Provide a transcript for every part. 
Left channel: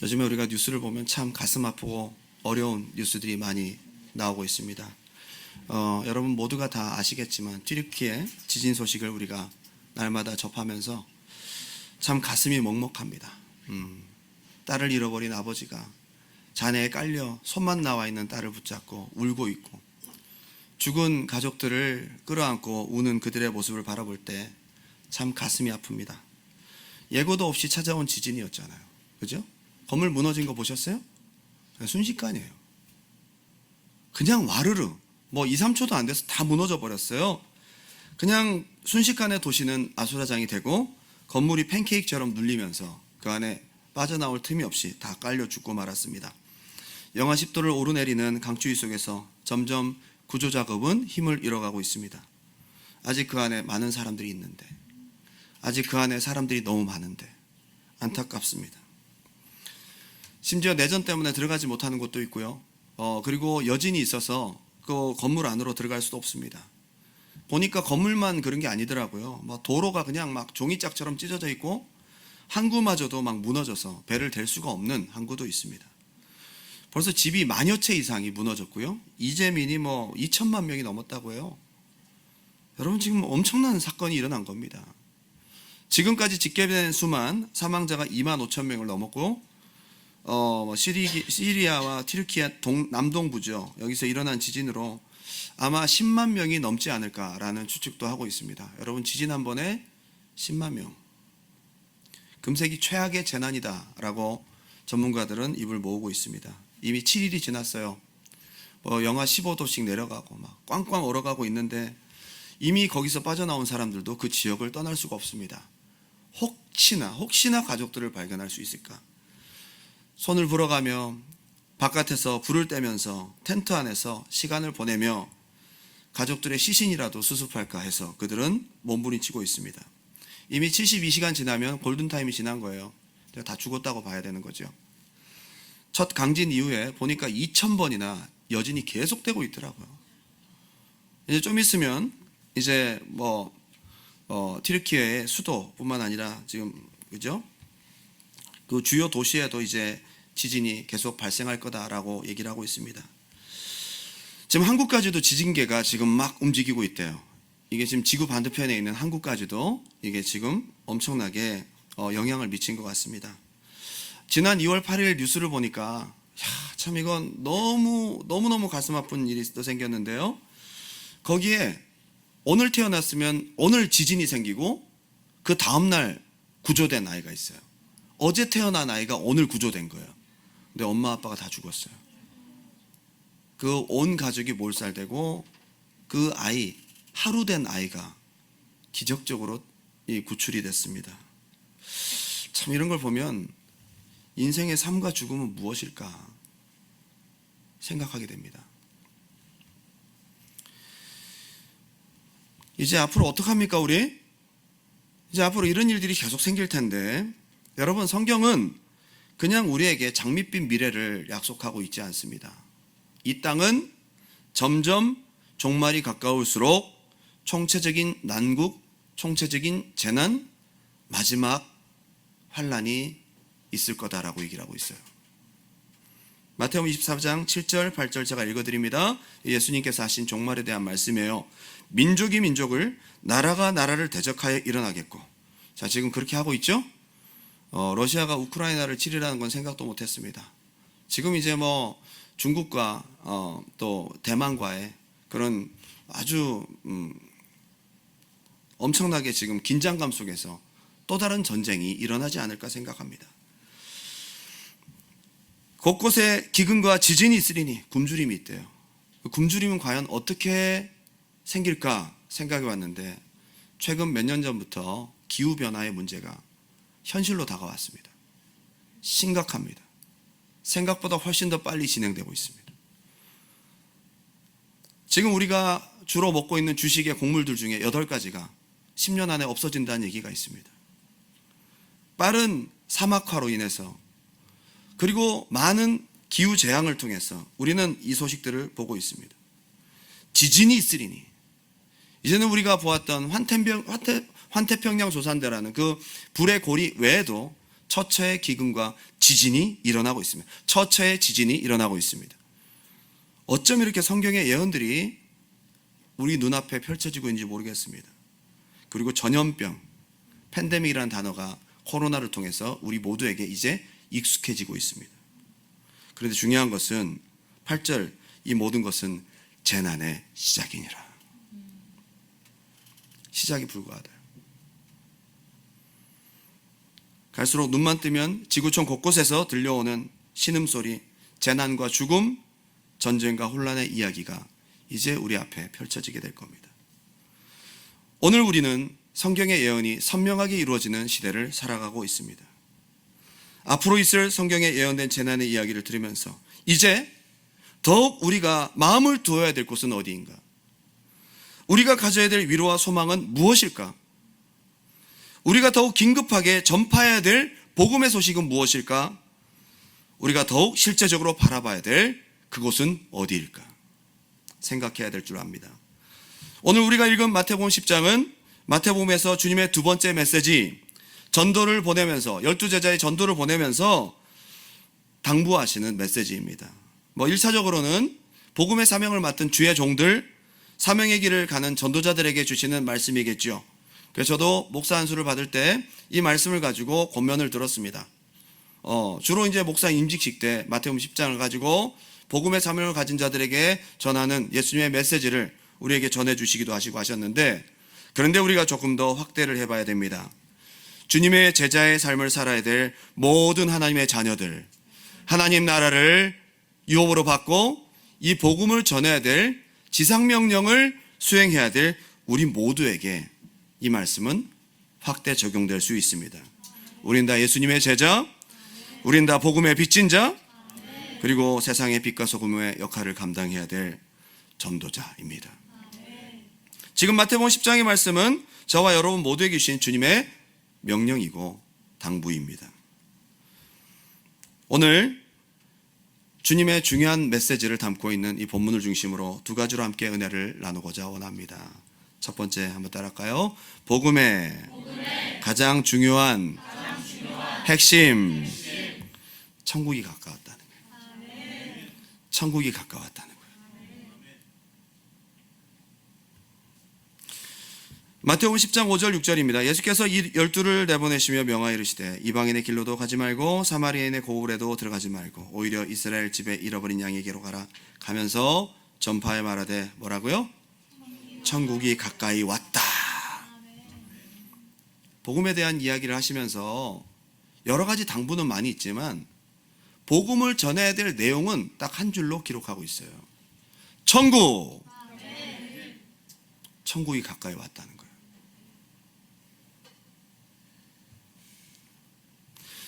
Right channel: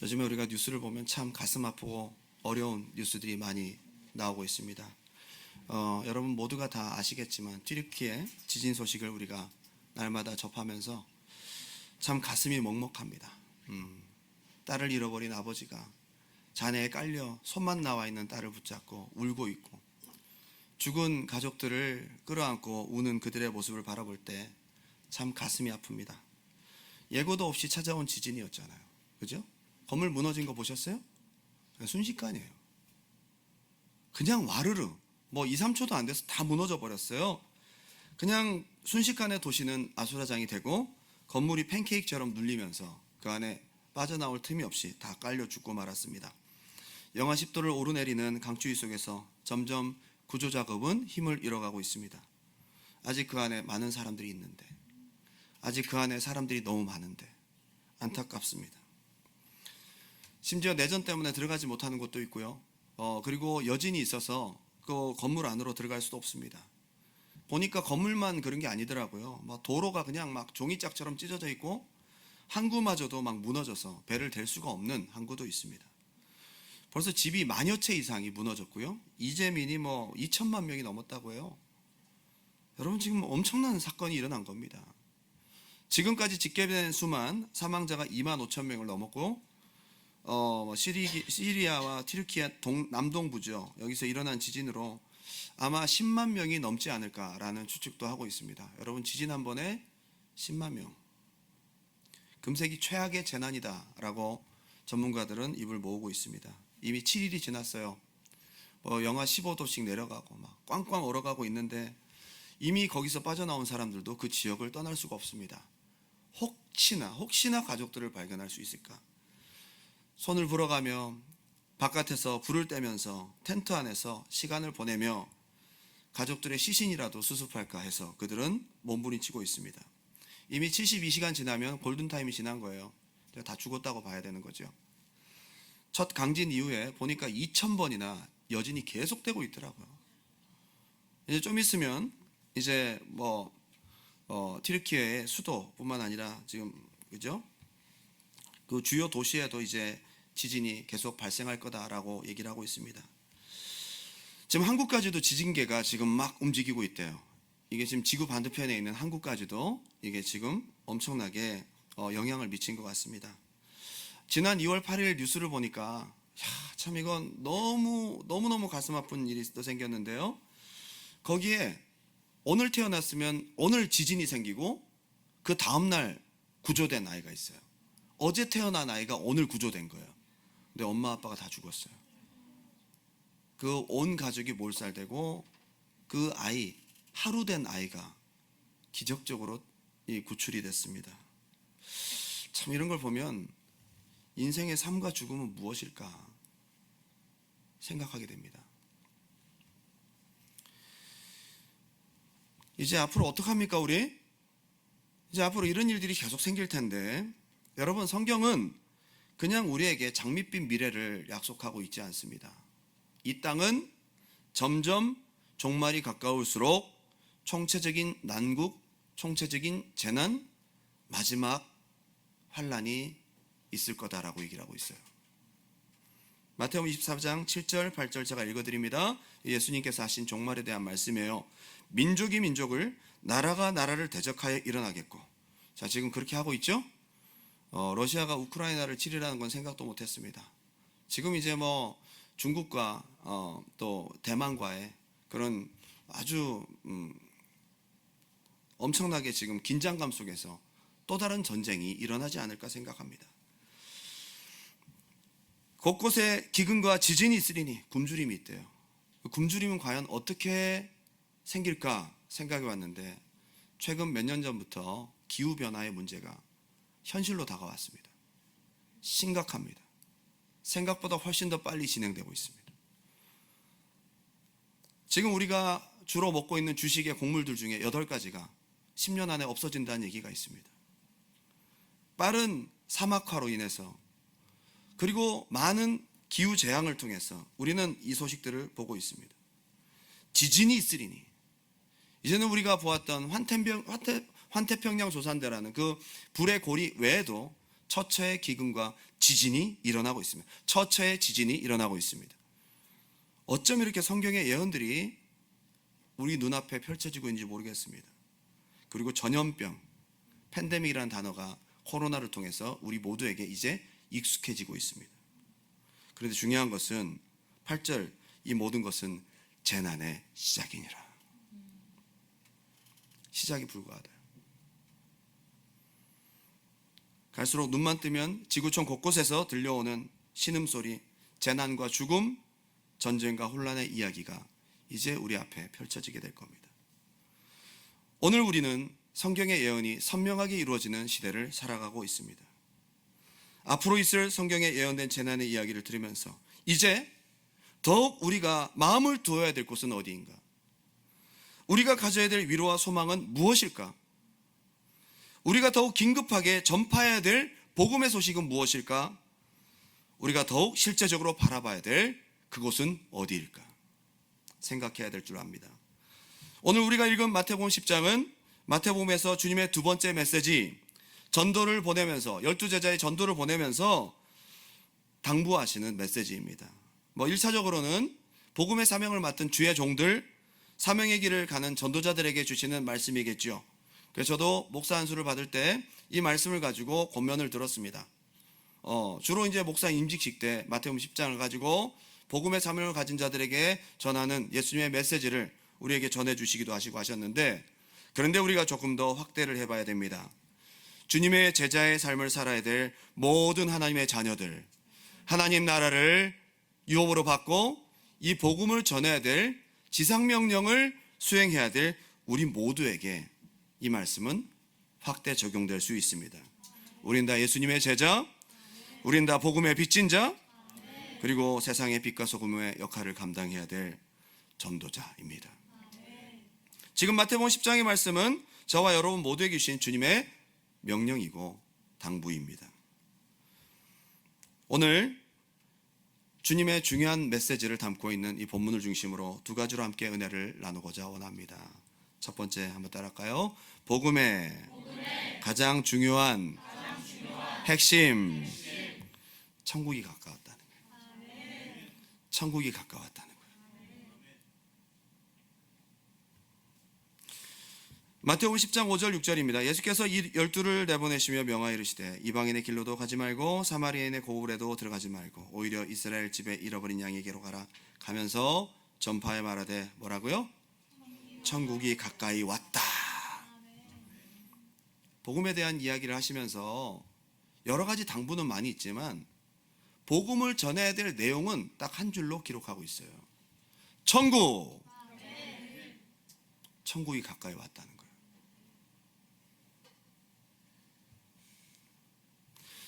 요즘에 우리가 뉴스를 보면 참 가슴 아프고 어려운 뉴스들이 많이 나오고 있습니다. 여러분 모두가 다 아시겠지만 튀르키예 지진 소식을 우리가 날마다 접하면서 참 가슴이 먹먹합니다. 딸을 잃어버린 아버지가 잔해에 깔려 손만 나와 있는 딸을 붙잡고 울고 있고, 죽은 가족들을 끌어안고 우는 그들의 모습을 바라볼 때 참 가슴이 아픕니다. 예고도 없이 찾아온 지진이었잖아요. 그죠? 건물 무너진 거 보셨어요? 순식간이에요. 그냥 와르르 2, 3초도 안 돼서 다 무너져 버렸어요. 그냥 순식간에 도시는 아수라장이 되고 건물이 팬케이크처럼 눌리면서 그 안에 빠져나올 틈이 없이 다 깔려 죽고 말았습니다. 영하 10도를 오르내리는 강추위 속에서 점점 구조 작업은 힘을 잃어가고 있습니다. 아직 그 안에 많은 사람들이 있는데, 아직 그 안에 사람들이 너무 많은데 안타깝습니다. 심지어 내전 때문에 들어가지 못하는 곳도 있고요. 그리고 여진이 있어서 그 건물 안으로 들어갈 수도 없습니다. 보니까 건물만 그런 게 아니더라고요. 도로가 그냥 막 종이짝처럼 찢어져 있고 항구마저도 막 무너져서 배를 댈 수가 없는 항구도 있습니다. 벌써 집이 만여 채 이상이 무너졌고요. 이재민이 2천만 명이 넘었다고 해요. 여러분, 지금 엄청난 사건이 일어난 겁니다. 지금까지 집계된 수만 사망자가 2만 5천 명을 넘었고, 시리아와 튀르키예 남동부죠. 여기서 일어난 지진으로 아마 10만 명이 넘지 않을까라는 추측도 하고 있습니다. 여러분, 지진 한 번에 10만 명. 금세기 최악의 재난이다라고 전문가들은 입을 모으고 있습니다. 이미 7일이 지났어요. 영하 15도씩 내려가고 막 꽝꽝 얼어가고 있는데 이미 거기서 빠져나온 사람들도 그 지역을 떠날 수가 없습니다. 혹시나 가족들을 발견할 수 있을까? 손을 불어가며 바깥에서 불을 떼면서 텐트 안에서 시간을 보내며 가족들의 시신이라도 수습할까 해서 그들은 몸부림치고 있습니다. 이미 72시간 지나면 골든타임이 지난 거예요. 다 죽었다고 봐야 되는 거죠. 첫 강진 이후에 보니까 2,000번이나 여진이 계속되고 있더라고요. 이제 좀 있으면 이제 튀르키예의 수도뿐만 아니라 지금 그죠? 그 주요 도시에도 이제 지진이 계속 발생할 거다라고 얘기를 하고 있습니다. 지금 한국까지도 지진계가 지금 막 움직이고 있대요. 이게 지금 지구 반대편에 있는 한국까지도 이게 지금 엄청나게 영향을 미친 것 같습니다. 지난 2월 8일 뉴스를 보니까 참 이건 너무너무 가슴 아픈 일이 또 생겼는데요. 거기에 오늘 태어났으면 오늘 지진이 생기고 그 다음날 구조된 아이가 있어요. 어제 태어난 아이가 오늘 구조된 거예요. 근데 엄마 아빠가 다 죽었어요. 그 온 가족이 몰살되고 그 아이, 하루 된 아이가 기적적으로 구출이 됐습니다. 참 이런 걸 보면 인생의 삶과 죽음은 무엇일까 생각하게 됩니다. 이제 앞으로 어떡합니까 우리? 이제 앞으로 이런 일들이 계속 생길 텐데, 여러분, 성경은 그냥 우리에게 장밋빛 미래를 약속하고 있지 않습니다. 이 땅은 점점 종말이 가까울수록 총체적인 난국, 총체적인 재난, 마지막 환란이 있을 거다라고 얘기를 하고 있어요. 마태복음 24장 7절 8절 제가 읽어드립니다. 예수님께서 하신 종말에 대한 말씀이에요. 민족이 민족을, 나라가 나라를 대적하여 일어나겠고. 자, 지금 그렇게 하고 있죠? 러시아가 우크라이나를 치리라는 건 생각도 못했습니다. 지금 이제 중국과 또 대만과의 그런 아주 엄청나게 지금 긴장감 속에서 또 다른 전쟁이 일어나지 않을까 생각합니다. 곳곳에 기근과 지진이 있으리니 굶주림이 있대요. 굶주림은 과연 어떻게 생길까 생각해 왔는데, 최근 몇 년 전부터 기후변화의 문제가 현실로 다가왔습니다. 심각합니다. 생각보다 훨씬 더 빨리 진행되고 있습니다. 지금 우리가 주로 먹고 있는 주식의 곡물들 중에 8가지가 10년 안에 없어진다는 얘기가 있습니다. 빠른 사막화로 인해서, 그리고 많은 기후재앙을 통해서 우리는 이 소식들을 보고 있습니다. 지진이 있으리니, 이제는 우리가 보았던 환태평양 조산대라는 그 불의 고리 외에도 처처의 기근과 지진이 일어나고 있습니다. 처처의 지진이 일어나고 있습니다. 어쩜 이렇게 성경의 예언들이 우리 눈앞에 펼쳐지고 있는지 모르겠습니다. 그리고 전염병, 팬데믹이라는 단어가 코로나를 통해서 우리 모두에게 이제 익숙해지고 있습니다. 그런데 중요한 것은 8절, 이 모든 것은 재난의 시작이니라. 시작이 불과하다. 갈수록 눈만 뜨면 지구촌 곳곳에서 들려오는 신음소리, 재난과 죽음, 전쟁과 혼란의 이야기가 이제 우리 앞에 펼쳐지게 될 겁니다. 오늘 우리는 성경의 예언이 선명하게 이루어지는 시대를 살아가고 있습니다. 앞으로 있을 성경에 예언된 재난의 이야기를 들으면서 이제 더욱 우리가 마음을 두어야 될 곳은 어디인가? 우리가 가져야 될 위로와 소망은 무엇일까? 우리가 더욱 긴급하게 전파해야 될 복음의 소식은 무엇일까? 우리가 더욱 실제적으로 바라봐야 될 그곳은 어디일까? 생각해야 될 줄 압니다. 오늘 우리가 읽은 마태복음 10장은 마태복음에서 주님의 두 번째 메시지, 전도를 보내면서 12제자의 전도를 보내면서 당부하시는 메시지입니다. 1차적으로는 복음의 사명을 맡은 주의 종들, 사명의 길을 가는 전도자들에게 주시는 말씀이겠죠. 그래서 저도 목사 안수를 받을 때 이 말씀을 가지고 권면을 들었습니다. 주로 이제 목사 임직식 때 마태복음 10장을 가지고 복음의 사명을 가진 자들에게 전하는 예수님의 메시지를 우리에게 전해주시기도 하시고 하셨는데, 그런데 우리가 조금 더 확대를 해봐야 됩니다. 주님의 제자의 삶을 살아야 될 모든 하나님의 자녀들, 하나님 나라를 유업으로 받고 이 복음을 전해야 될 지상명령을 수행해야 될 우리 모두에게 이 말씀은 확대 적용될 수 있습니다. 우린 다 예수님의 제자, 우린 다 복음의 빚진 자, 그리고 세상의 빛과 소금의 역할을 감당해야 될 전도자입니다. 지금 마태복음 10장의 말씀은 저와 여러분 모두에게 주신 주님의 명령이고 당부입니다. 오늘 주님의 중요한 메시지를 담고 있는 이 본문을 중심으로 두 가지로 함께 은혜를 나누고자 원합니다. 첫 번째 한번 따라할까요? 복음의 가장 중요한 핵심, 천국이 가까웠다는 거예요. 천국이 가까웠다는 거예요. 마태복음 10장 5절 6절입니다. 예수께서 이 12를 내보내시며 명하여 이르시되 이방인의 길로도 가지 말고 사마리아인의 고을에도 들어가지 말고 오히려 이스라엘 집에 잃어버린 양에게로 가라. 가면서 전파에 말하되 뭐라고요? 천국이 가까이 왔다. 복음에 대한 이야기를 하시면서 여러 가지 당부는 많이 있지만 복음을 전해야 될 내용은 딱 한 줄로 기록하고 있어요. 천국. 천국이 가까이 왔다는 거예요.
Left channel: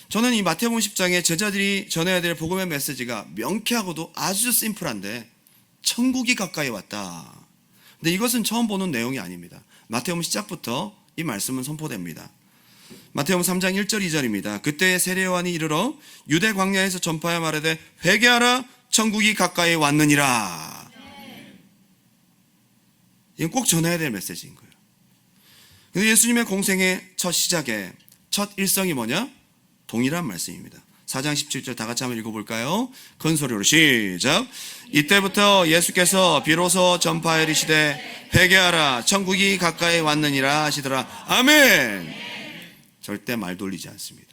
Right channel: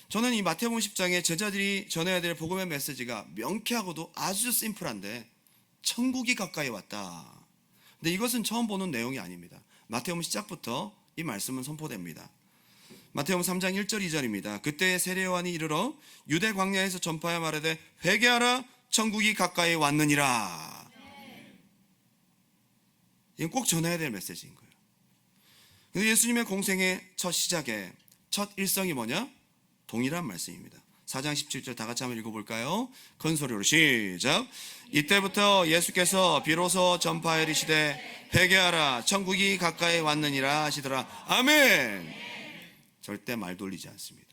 저는 이 마태복음 10장에 제자들이 전해야 될 복음의 메시지가 명쾌하고도 아주 심플한데 천국이 가까이 왔다. 근데 이것은 처음 보는 내용이 아닙니다. 마태복음 시작부터 이 말씀은 선포됩니다. 마태복음 3장 1절 2절입니다. 그때 세례요한이 이르러 유대 광야에서 전파하여 말하되 회개하라 천국이 가까이 왔느니라. 이건 꼭 전해야 될 메시지인 거예요. 근데 예수님의 공생의 첫 시작에 첫 일성이 뭐냐? 동일한 말씀입니다. 4장 17절 다 같이 한번 읽어볼까요? 큰 소리로 시작. 이때부터 예수께서 비로소 전파하여 이르시되 회개하라 천국이 가까이 왔느니라 하시더라. 아멘. 절대 말 돌리지 않습니다.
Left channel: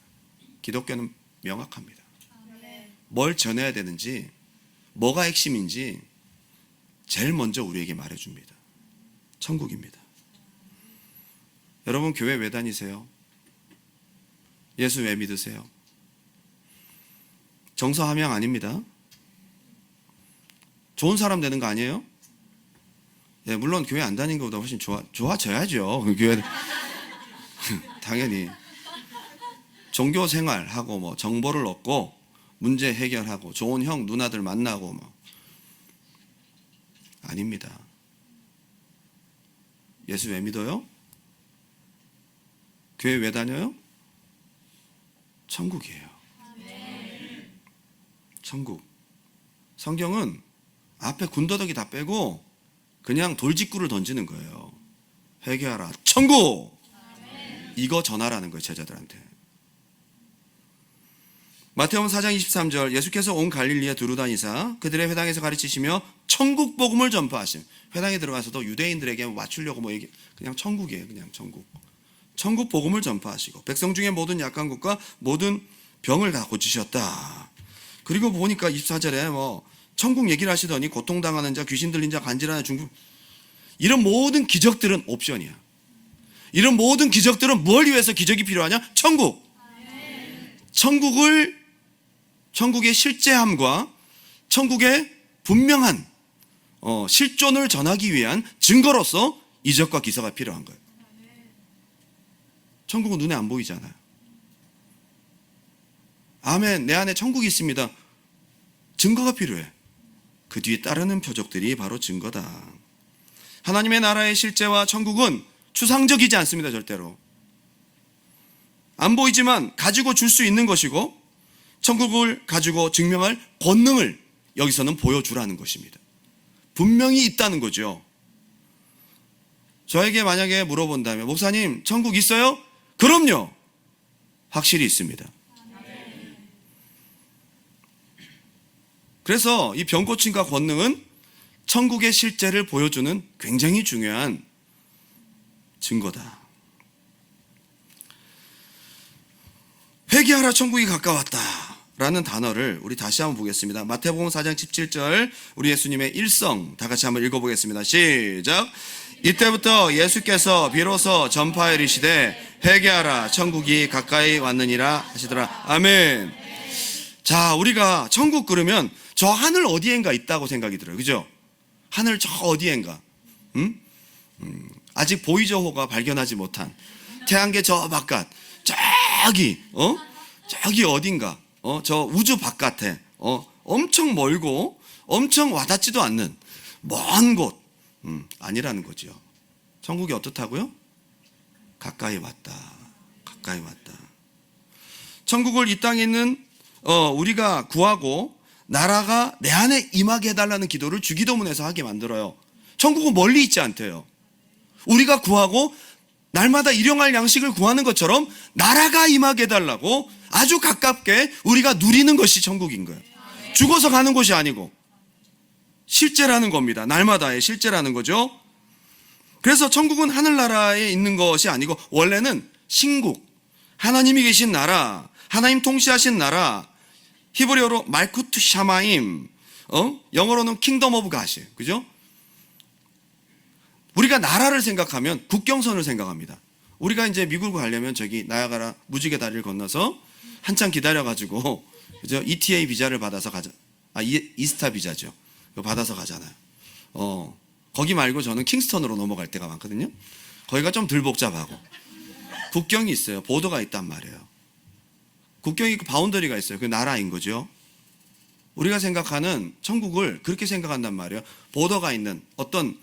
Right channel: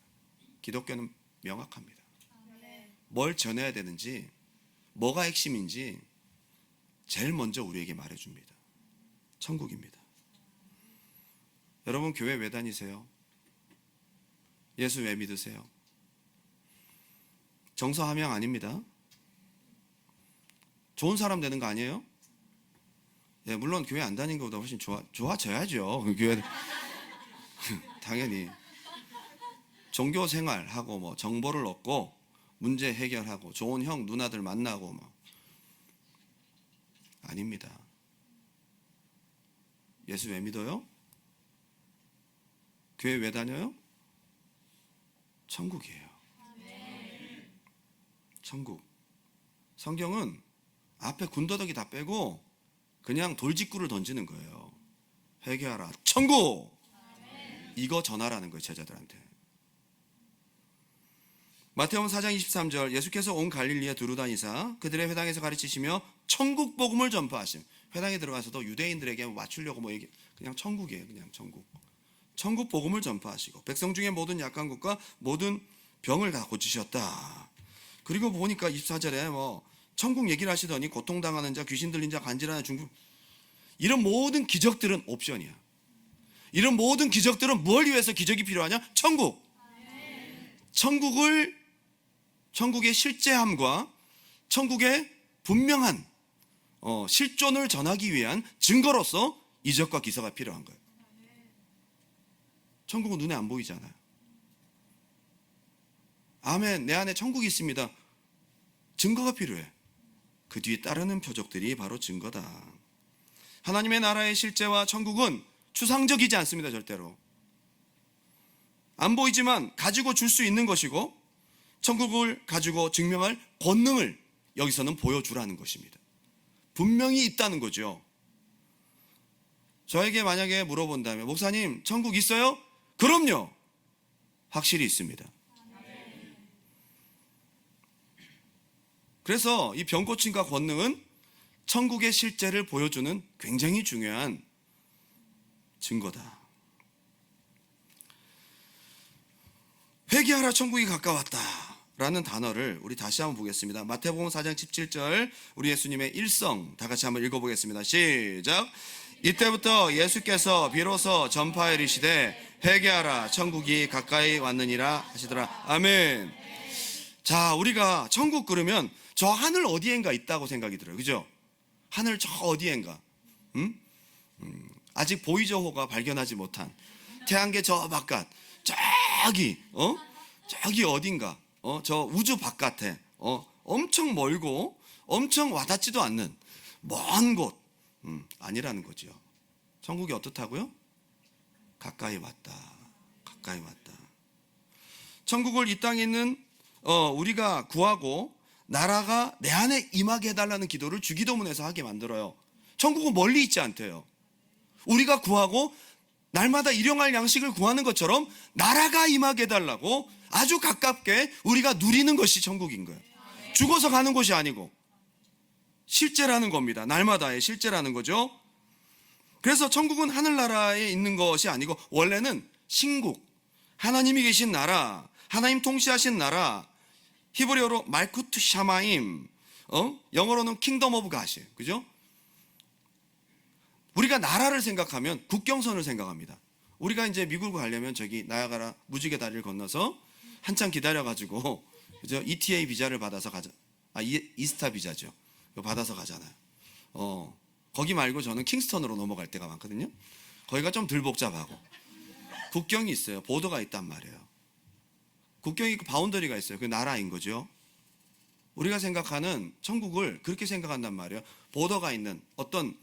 기독교는 명확합니다. 뭘 전해야 되는지, 뭐가 핵심인지 제일 먼저 우리에게 말해줍니다. 천국입니다. 여러분 교회 왜 다니세요? 예수 왜 믿으세요? 정서 함양 아닙니다. 좋은 사람 되는 거 아니에요? 예, 물론 교회 안 다니는 것보다 훨씬 좋아져야죠. 교회 당연히 종교 생활하고 뭐 정보를 얻고 문제 해결하고 좋은 형 누나들 만나고 뭐 아닙니다. 예수 왜 믿어요? 교회 왜 다녀요? 천국이에요. 천국. 성경은 앞에 군더더기 다 빼고 그냥 돌직구를 던지는 거예요. 회개하라. 천국! 이거 전하라는 거예요, 제자들한테. 마태복음 4장 23절 예수께서 온 갈릴리에 두루 다니사 그들의 회당에서 가르치시며 천국 복음을 전파하심. 회당에 들어가서도 유대인들에게 맞추려고 그냥 천국이에요. 그냥 천국 복음을 전파하시고 백성 중에 모든 약한 것과 모든 병을 다 고치셨다. 그리고 보니까 24절에 천국 얘기를 하시더니 고통당하는 자, 귀신 들린 자, 간질하는 중풍, 이런 모든 기적들은 옵션이야. 이런 모든 기적들은 뭘 위해서 기적이 필요하냐? 천국의 실제함과 천국의 분명한 실존을 전하기 위한 증거로서 이적과 기사가 필요한 거예요. 천국은 눈에 안 보이잖아요. 아멘, 내 안에 천국이 있습니다. 증거가 필요해. 그 뒤에 따르는 표적들이 바로 증거다. 하나님의 나라의 실제와 천국은 추상적이지 않습니다. 절대로 안 보이지만 가지고 줄 수 있는 것이고, 천국을 가지고 증명할 권능을 여기서는 보여주라는 것입니다. 분명히 있다는 거죠. 저에게 만약에 물어본다면, 목사님 천국 있어요? 그럼요, 확실히 있습니다. 그래서 이 병고침과 권능은 천국의 실제를 보여주는 굉장히 중요한 증거다. 회개하라, 천국이 가까웠다 라는 단어를 우리 다시 한번 보겠습니다. 마태복음 4장 17절, 우리 예수님의 일성 다 같이 한번 읽어보겠습니다. 시작. 이때부터 예수께서 비로소 전파에 이르시되 회개하라, 천국이 가까이 왔느니라 하시더라. 아멘. 자, 우리가 천국 그러면 저 하늘 어디엔가 있다고 생각이 들어요. 그죠? 하늘 저 어디엔가, 아직 보이저호가 발견하지 못한 태양계 저 바깥, 저기 어딘가, 저 우주 바깥에, 엄청 멀고 엄청 와닿지도 않는 먼 곳, 아니라는 거죠. 천국이 어떻다고요? 가까이 왔다. 가까이 왔다. 천국을 이 땅에 있는 우리가 구하고 나라가 내 안에 임하게 해달라는 기도를 주기도문에서 하게 만들어요. 천국은 멀리 있지 않대요. 우리가 구하고 날마다 일용할 양식을 구하는 것처럼 나라가 임하게 해달라고 아주 가깝게 우리가 누리는 것이 천국인 거예요. 죽어서 가는 곳이 아니고 실제라는 겁니다. 날마다의 실제라는 거죠. 그래서 천국은 하늘나라에 있는 것이 아니고 원래는 신국, 하나님이 계신 나라, 하나님 통치하신 나라, 히브리어로 말쿠트 샤마임, 영어로는 킹덤 오브 갓이에요. 그죠? 우리가 나라를 생각하면 국경선을 생각합니다. 우리가 이제 미국을 가려면 저기 나야가라 무지개 다리를 건너서 한참 기다려가지고, 그죠? ETA 비자를 받아서 가자. 이스타 비자죠. 받아서 가잖아요. 거기 말고 저는 킹스턴으로 넘어갈 때가 많거든요. 거기가 좀 덜 복잡하고 국경이 있어요. 보더가 있단 말이에요. 국경이 있고 바운더리가 있어요. 그 나라인 거죠. 우리가 생각하는 천국을 그렇게 생각한단 말이에요. 보더가 있는 어떤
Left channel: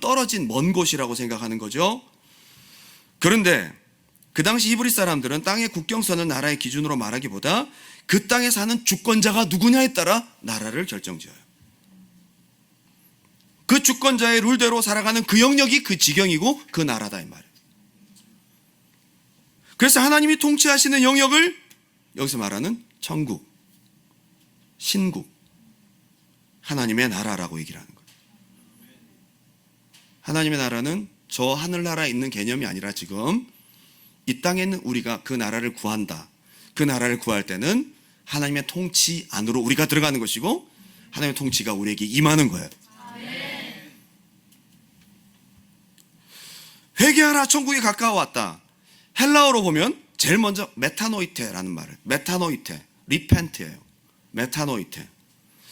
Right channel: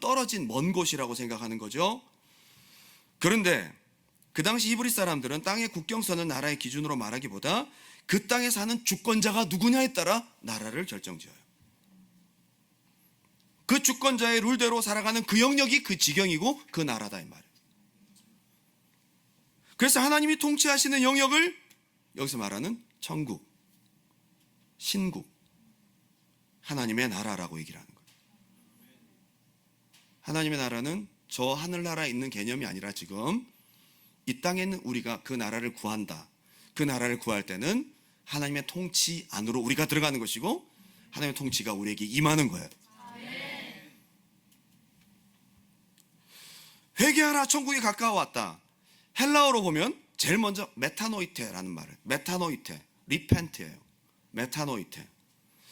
떨어진 먼 곳이라고 생각하는 거죠. 그런데 그 당시 히브리 사람들은 땅의 국경선을 나라의 기준으로 말하기보다 그 땅에 사는 주권자가 누구냐에 따라 나라를 결정지어요. 그 주권자의 룰대로 살아가는 그 영역이 그 지경이고 그 나라다 이 말이에요. 그래서 하나님이 통치하시는 영역을 여기서 말하는 천국, 신국, 하나님의 나라라고 얘기를 하는 거예요. 하나님의 나라는 저 하늘나라에 있는 개념이 아니라 지금 이 땅에 있는 우리가 그 나라를 구한다. 그 나라를 구할 때는 하나님의 통치 안으로 우리가 들어가는 것이고 하나님의 통치가 우리에게 임하는 거예요. 회개하라, 천국이 가까워왔다. 헬라어로 보면 제일 먼저 메타노이테라는 말을, 메타노이테, 리펜트예요. 메타노이테.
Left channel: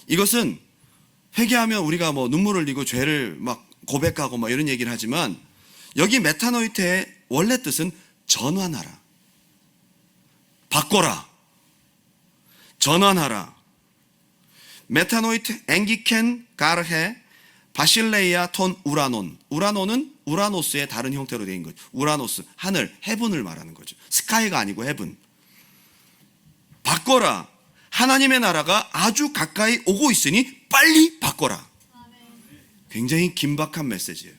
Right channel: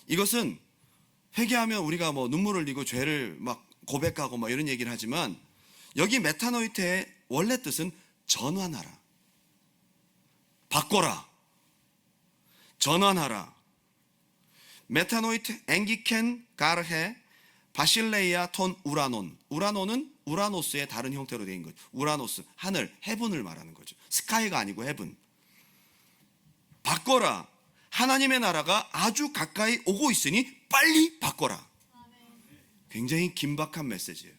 이것은 회개하면 우리가 눈물을 흘리고 죄를 막 고백하고 이런 얘기를 하지만, 여기 메타노이테의 원래 뜻은 전환하라, 바꿔라, 전환하라. 메타노이테 앵기켄 가르헤 바실레이아 톤 우라논. 우라논은 우라노스의 다른 형태로 되어 있는 거죠. 우라노스, 하늘, 헤븐을 말하는 거죠. 스카이가 아니고 헤븐. 바꿔라. 하나님의 나라가 아주 가까이 오고 있으니 빨리 바꿔라. 굉장히 긴박한 메시지예요.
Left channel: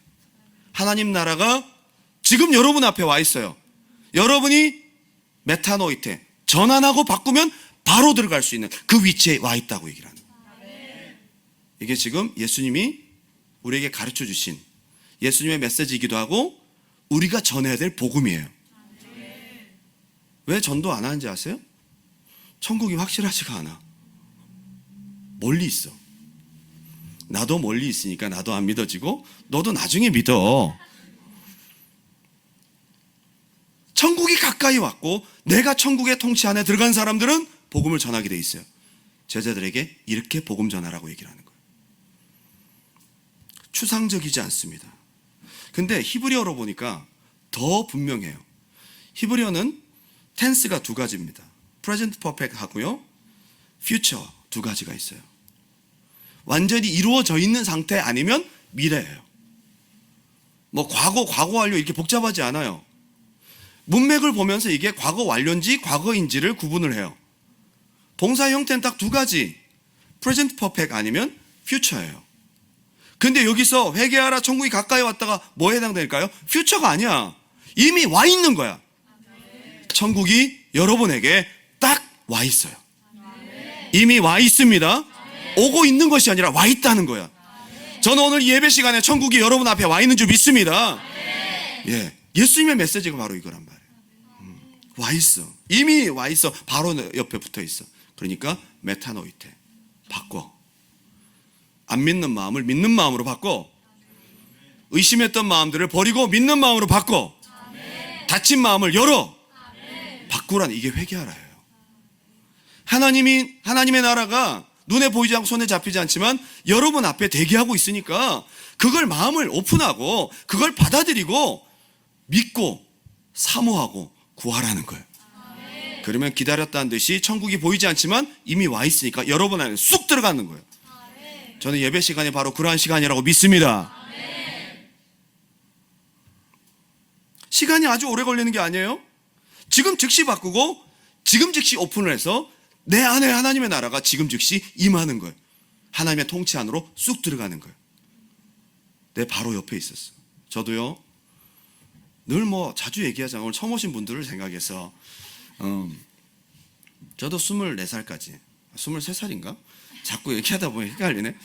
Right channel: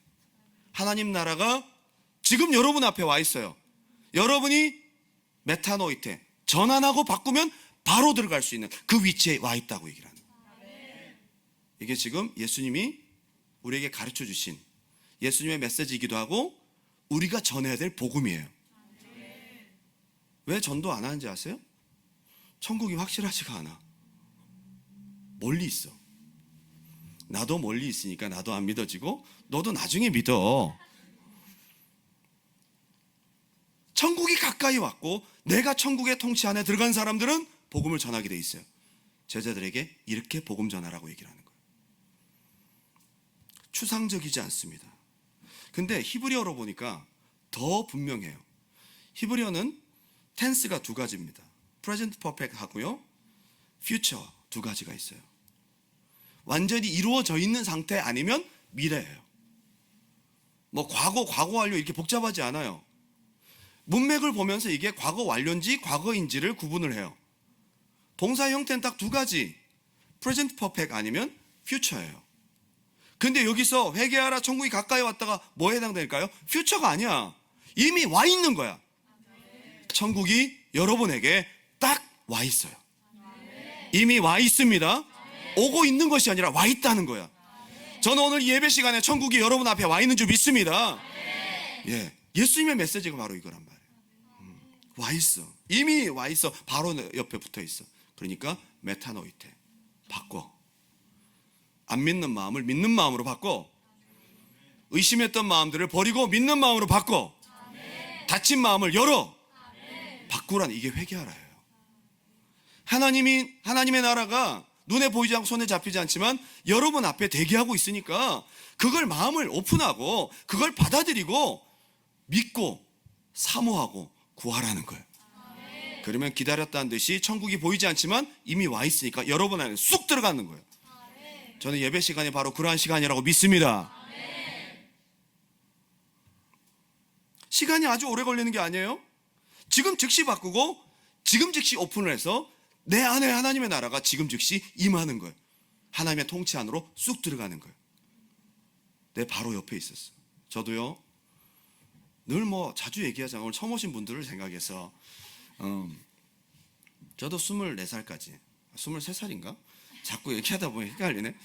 하나님 나라가 지금 여러분 앞에 와 있어요. 여러분이 메타노이테, 전환하고 바꾸면 바로 들어갈 수 있는 그 위치에 와 있다고 얘기를 하는 거예요. 이게 지금 예수님이 우리에게 가르쳐 주신 예수님의 메시지이기도 하고 우리가 전해야 될 복음이에요. 왜 전도 안 하는지 아세요? 천국이 확실하지가 않아. 멀리 있어. 나도 멀리 있으니까 나도 안 믿어지고 너도 나중에 믿어. 천국이 가까이 왔고 내가 천국의 통치 안에 들어간 사람들은 복음을 전하게 돼 있어요. 제자들에게 이렇게 복음 전하라고 얘기를 하는 거예요. 추상적이지 않습니다. 근데 히브리어로 보니까 더 분명해요. 히브리어는 텐스가 두 가지입니다. present perfect 하고요, future 두 가지가 있어요. 완전히 이루어져 있는 상태 아니면 미래예요. 뭐 과거, 과거 완료 이렇게 복잡하지 않아요. 문맥을 보면서 이게 과거 완료인지 과거인지를 구분을 해요. 동사 형태는 딱 두 가지, present perfect 아니면 future예요. 근데 여기서 회개하라 천국이 가까이 왔다가 뭐에 해당될까요? future가 아니야. 이미 와 있는 거야. 천국이 여러분에게 딱 와 있어요. 이미 와 있습니다. 오고 있는 것이 아니라 와 있다는 거야. 저는 오늘 예배 시간에 천국이 여러분 앞에 와 있는 줄 믿습니다. 예, 예수님의 메시지가 바로 이거란 말이에요. 와 있어. 이미 와 있어. 바로 옆에 붙어 있어. 그러니까 메타노이테, 바꿔. 안 믿는 마음을 믿는 마음으로 바꿔. 의심했던 마음들을 버리고 믿는 마음으로 바꿔. 닫힌 마음을 열어. 바꾸라는, 이게 회개하라예요. 하나님의 나라가 눈에 보이지 않고 손에 잡히지 않지만 여러분 앞에 대기하고 있으니까 그걸 마음을 오픈하고 그걸 받아들이고 믿고 사모하고 구하라는 거예요. 그러면 기다렸다는 듯이 천국이 보이지 않지만 이미 와 있으니까 여러분 안에 쑥 들어가는 거예요. 저는 예배 시간이 바로 그러한 시간이라고 믿습니다. 시간이 아주 오래 걸리는 게 아니에요. 지금 즉시 바꾸고 지금 즉시 오픈을 해서 내 안에 하나님의 나라가 지금 즉시 임하는 거예요. 하나님의 통치 안으로 쑥 들어가는 거예요. 내 바로 옆에 있었어. 저도요, 늘 뭐 자주 얘기하자면 오늘 처음 오신 분들을 생각해서 저도 24살까지 23살인가? 자꾸 얘기하다 보니 헷갈리네.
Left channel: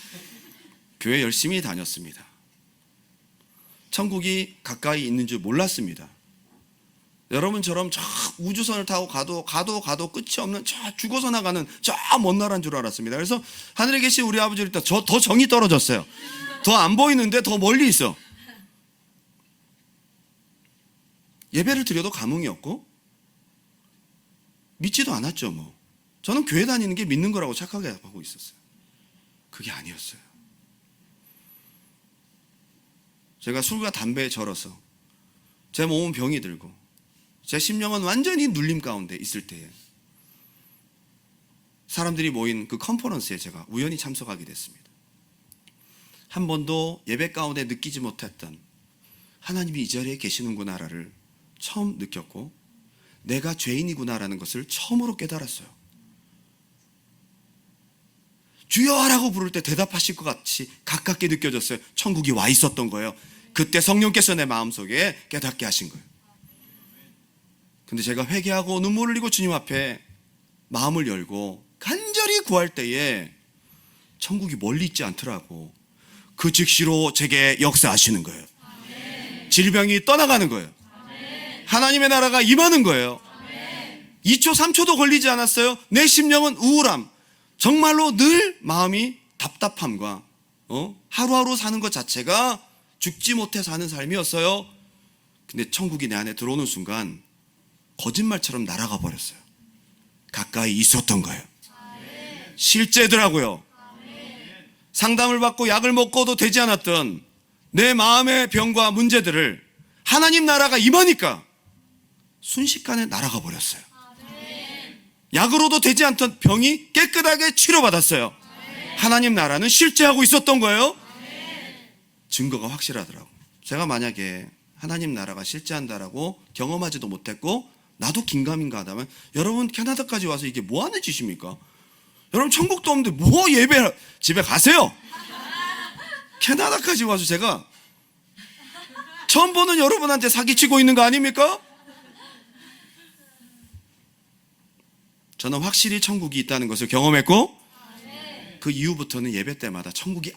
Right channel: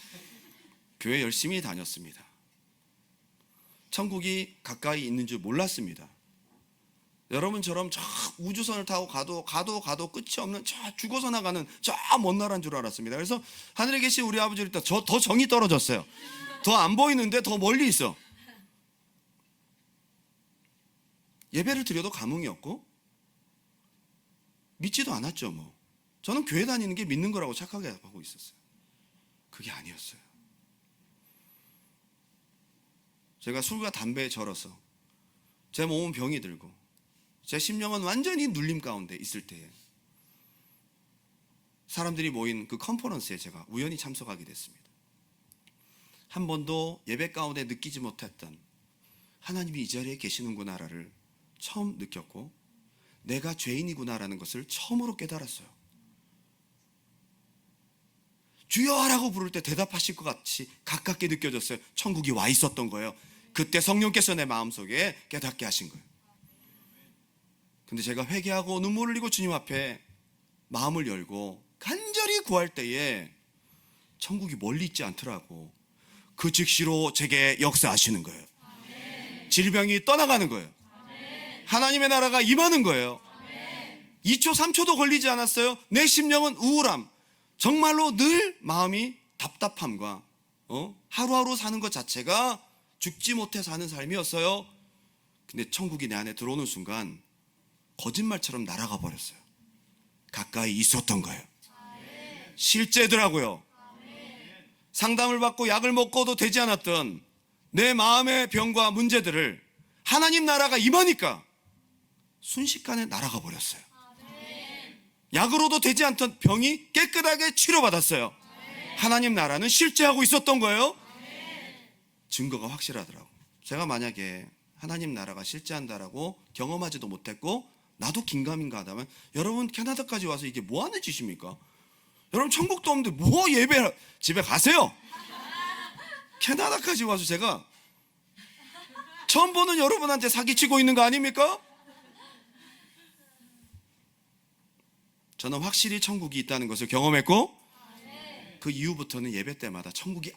교회 열심히 다녔습니다. 천국이 가까이 있는 줄 몰랐습니다. 여러분처럼 저 우주선을 타고 가도 끝이 없는 저 죽어서 나가는 저 먼 나라인 줄 알았습니다. 그래서 하늘에 계신 우리 아버지를 더 정이 떨어졌어요. 더 안 보이는데 더 멀리 있어. 예배를 드려도 감흥이 없고 믿지도 않았죠. 뭐 저는 교회 다니는 게 믿는 거라고 착각하고 있었어요. 그게 아니었어요. 제가 술과 담배에 절어서 제 몸은 병이 들고 제 심령은 완전히 눌림 가운데 있을 때에 사람들이 모인 그 컨퍼런스에 제가 우연히 참석하게 됐습니다. 한 번도 예배 가운데 느끼지 못했던 하나님이 이 자리에 계시는구나를 처음 느꼈고 내가 죄인이구나라는 것을 처음으로 깨달았어요. 주여 하라고 부를 때 대답하실 것 같이 가깝게 느껴졌어요. 천국이 와 있었던 거예요. 그때 성령께서 내 마음속에 깨닫게 하신 거예요. 근데 제가 회개하고 눈물을 흘리고 주님 앞에 마음을 열고 간절히 구할 때에 천국이 멀리 있지 않더라고. 그 즉시로 제게 역사하시는 거예요. 질병이 떠나가는 거예요. 하나님의 나라가 임하는 거예요. 2초 3초도 걸리지 않았어요. 내 심령은 우울함, 정말로 늘 마음이 답답함과 하루하루 사는 것 자체가 죽지 못해 사는 삶이었어요. 근데 천국이 내 안에 들어오는 순간 거짓말처럼 날아가 버렸어요. 가까이 있었던 거예요. 실제더라고요. 상담을 받고 약을 먹고도 되지 않았던 내 마음의 병과 문제들을 하나님 나라가 임하니까 순식간에 날아가 버렸어요. 약으로도 되지 않던 병이 깨끗하게 치료받았어요. 하나님 나라는 실제하고 있었던 거예요. 증거가 확실하더라고요. 제가 만약에 하나님 나라가 실제한다라고 경험하지도 못했고 나도 긴가민가 하다면 여러분 캐나다까지 와서 이게 뭐 하는 짓입니까? 여러분 천국도 없는데 뭐 예배, 집에 가세요. 캐나다까지 와서 제가 처음 보는 여러분한테 사기치고 있는 거 아닙니까? 저는 확실히 천국이 있다는 것을 경험했고 그 이후부터는 예배 때마다 천국이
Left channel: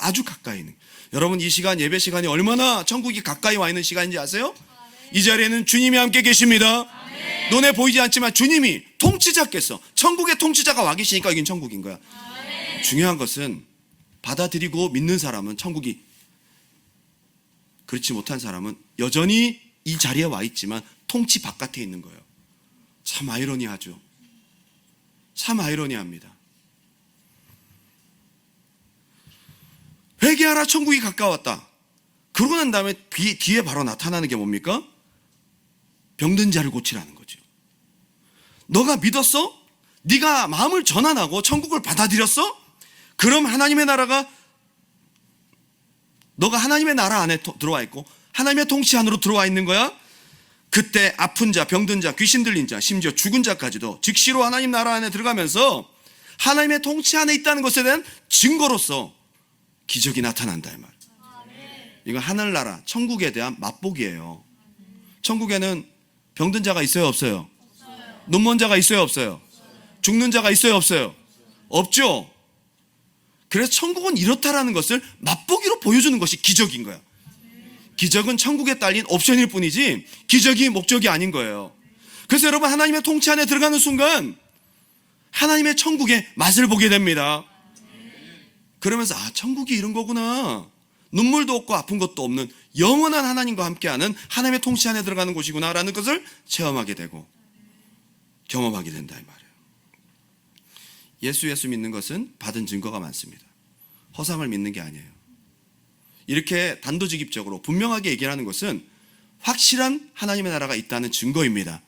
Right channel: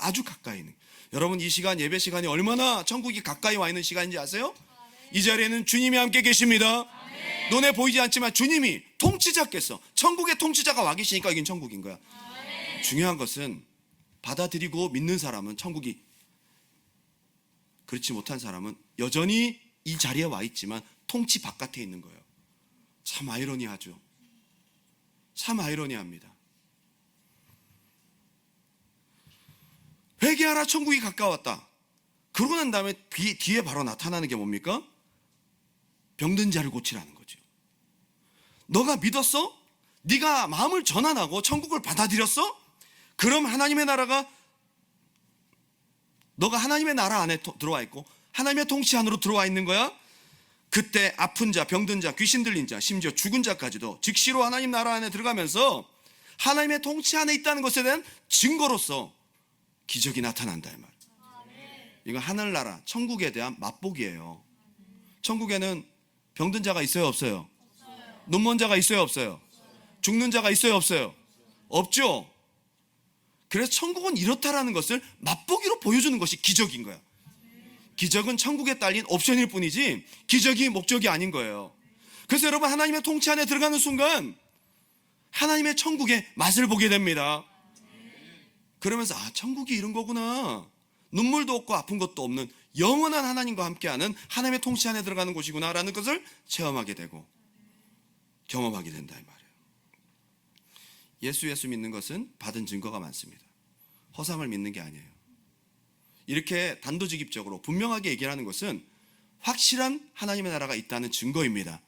아주 가까이 있는, 여러분 이 시간 예배 시간이 얼마나 천국이 가까이 와 있는 시간인지 아세요? 이 자리에는 주님이 함께 계십니다. 눈에 보이지 않지만 주님이 통치자께서, 천국의 통치자가 와 계시니까 여긴 천국인 거야. 중요한 것은 받아들이고 믿는 사람은 천국이, 그렇지 못한 사람은 여전히 이 자리에 와 있지만 통치 바깥에 있는 거예요. 참 아이러니하죠. 참 아이러니합니다. 회개하라, 천국이 가까웠다. 그러고 난 다음에 뒤에 바로 나타나는 게 뭡니까? 병든 자를 고치라는 거죠. 너가 믿었어? 네가 마음을 전환하고 천국을 받아들였어? 그럼 하나님의 나라가, 너가 하나님의 나라 안에 들어와 있고 하나님의 통치 안으로 들어와 있는 거야. 그때 아픈 자, 병든 자, 귀신 들린 자, 심지어 죽은 자까지도 즉시로 하나님 나라 안에 들어가면서 하나님의 통치 안에 있다는 것에 대한 증거로서 기적이 나타난다 이 말. 이건 하늘나라 천국에 대한 맛보기예요. 천국에는 병든 자가 있어요, 없어요? 눈먼 자가 있어요, 없어요? 죽는 자가 있어요, 없어요? 없죠. 그래서 천국은 이렇다라는 것을 맛보기로 보여주는 것이 기적인 거야. 기적은 천국에 딸린 옵션일 뿐이지 기적이 목적이 아닌 거예요. 그래서 여러분, 하나님의 통치 안에 들어가는 순간 하나님의 천국의 맛을 보게 됩니다. 그러면서 천국이 이런 거구나, 눈물도 없고 아픈 것도 없는 영원한 하나님과 함께하는 하나님의 통치 안에 들어가는 곳이구나 라는 것을 체험하게 되고 경험하게 된다 이 말이에요. 예수 믿는 것은 받은 증거가 많습니다. 허상을 믿는 게 아니에요. 이렇게 단도직입적으로 분명하게 얘기하는 것은 확실한 하나님의 나라가 있다는 증거입니다.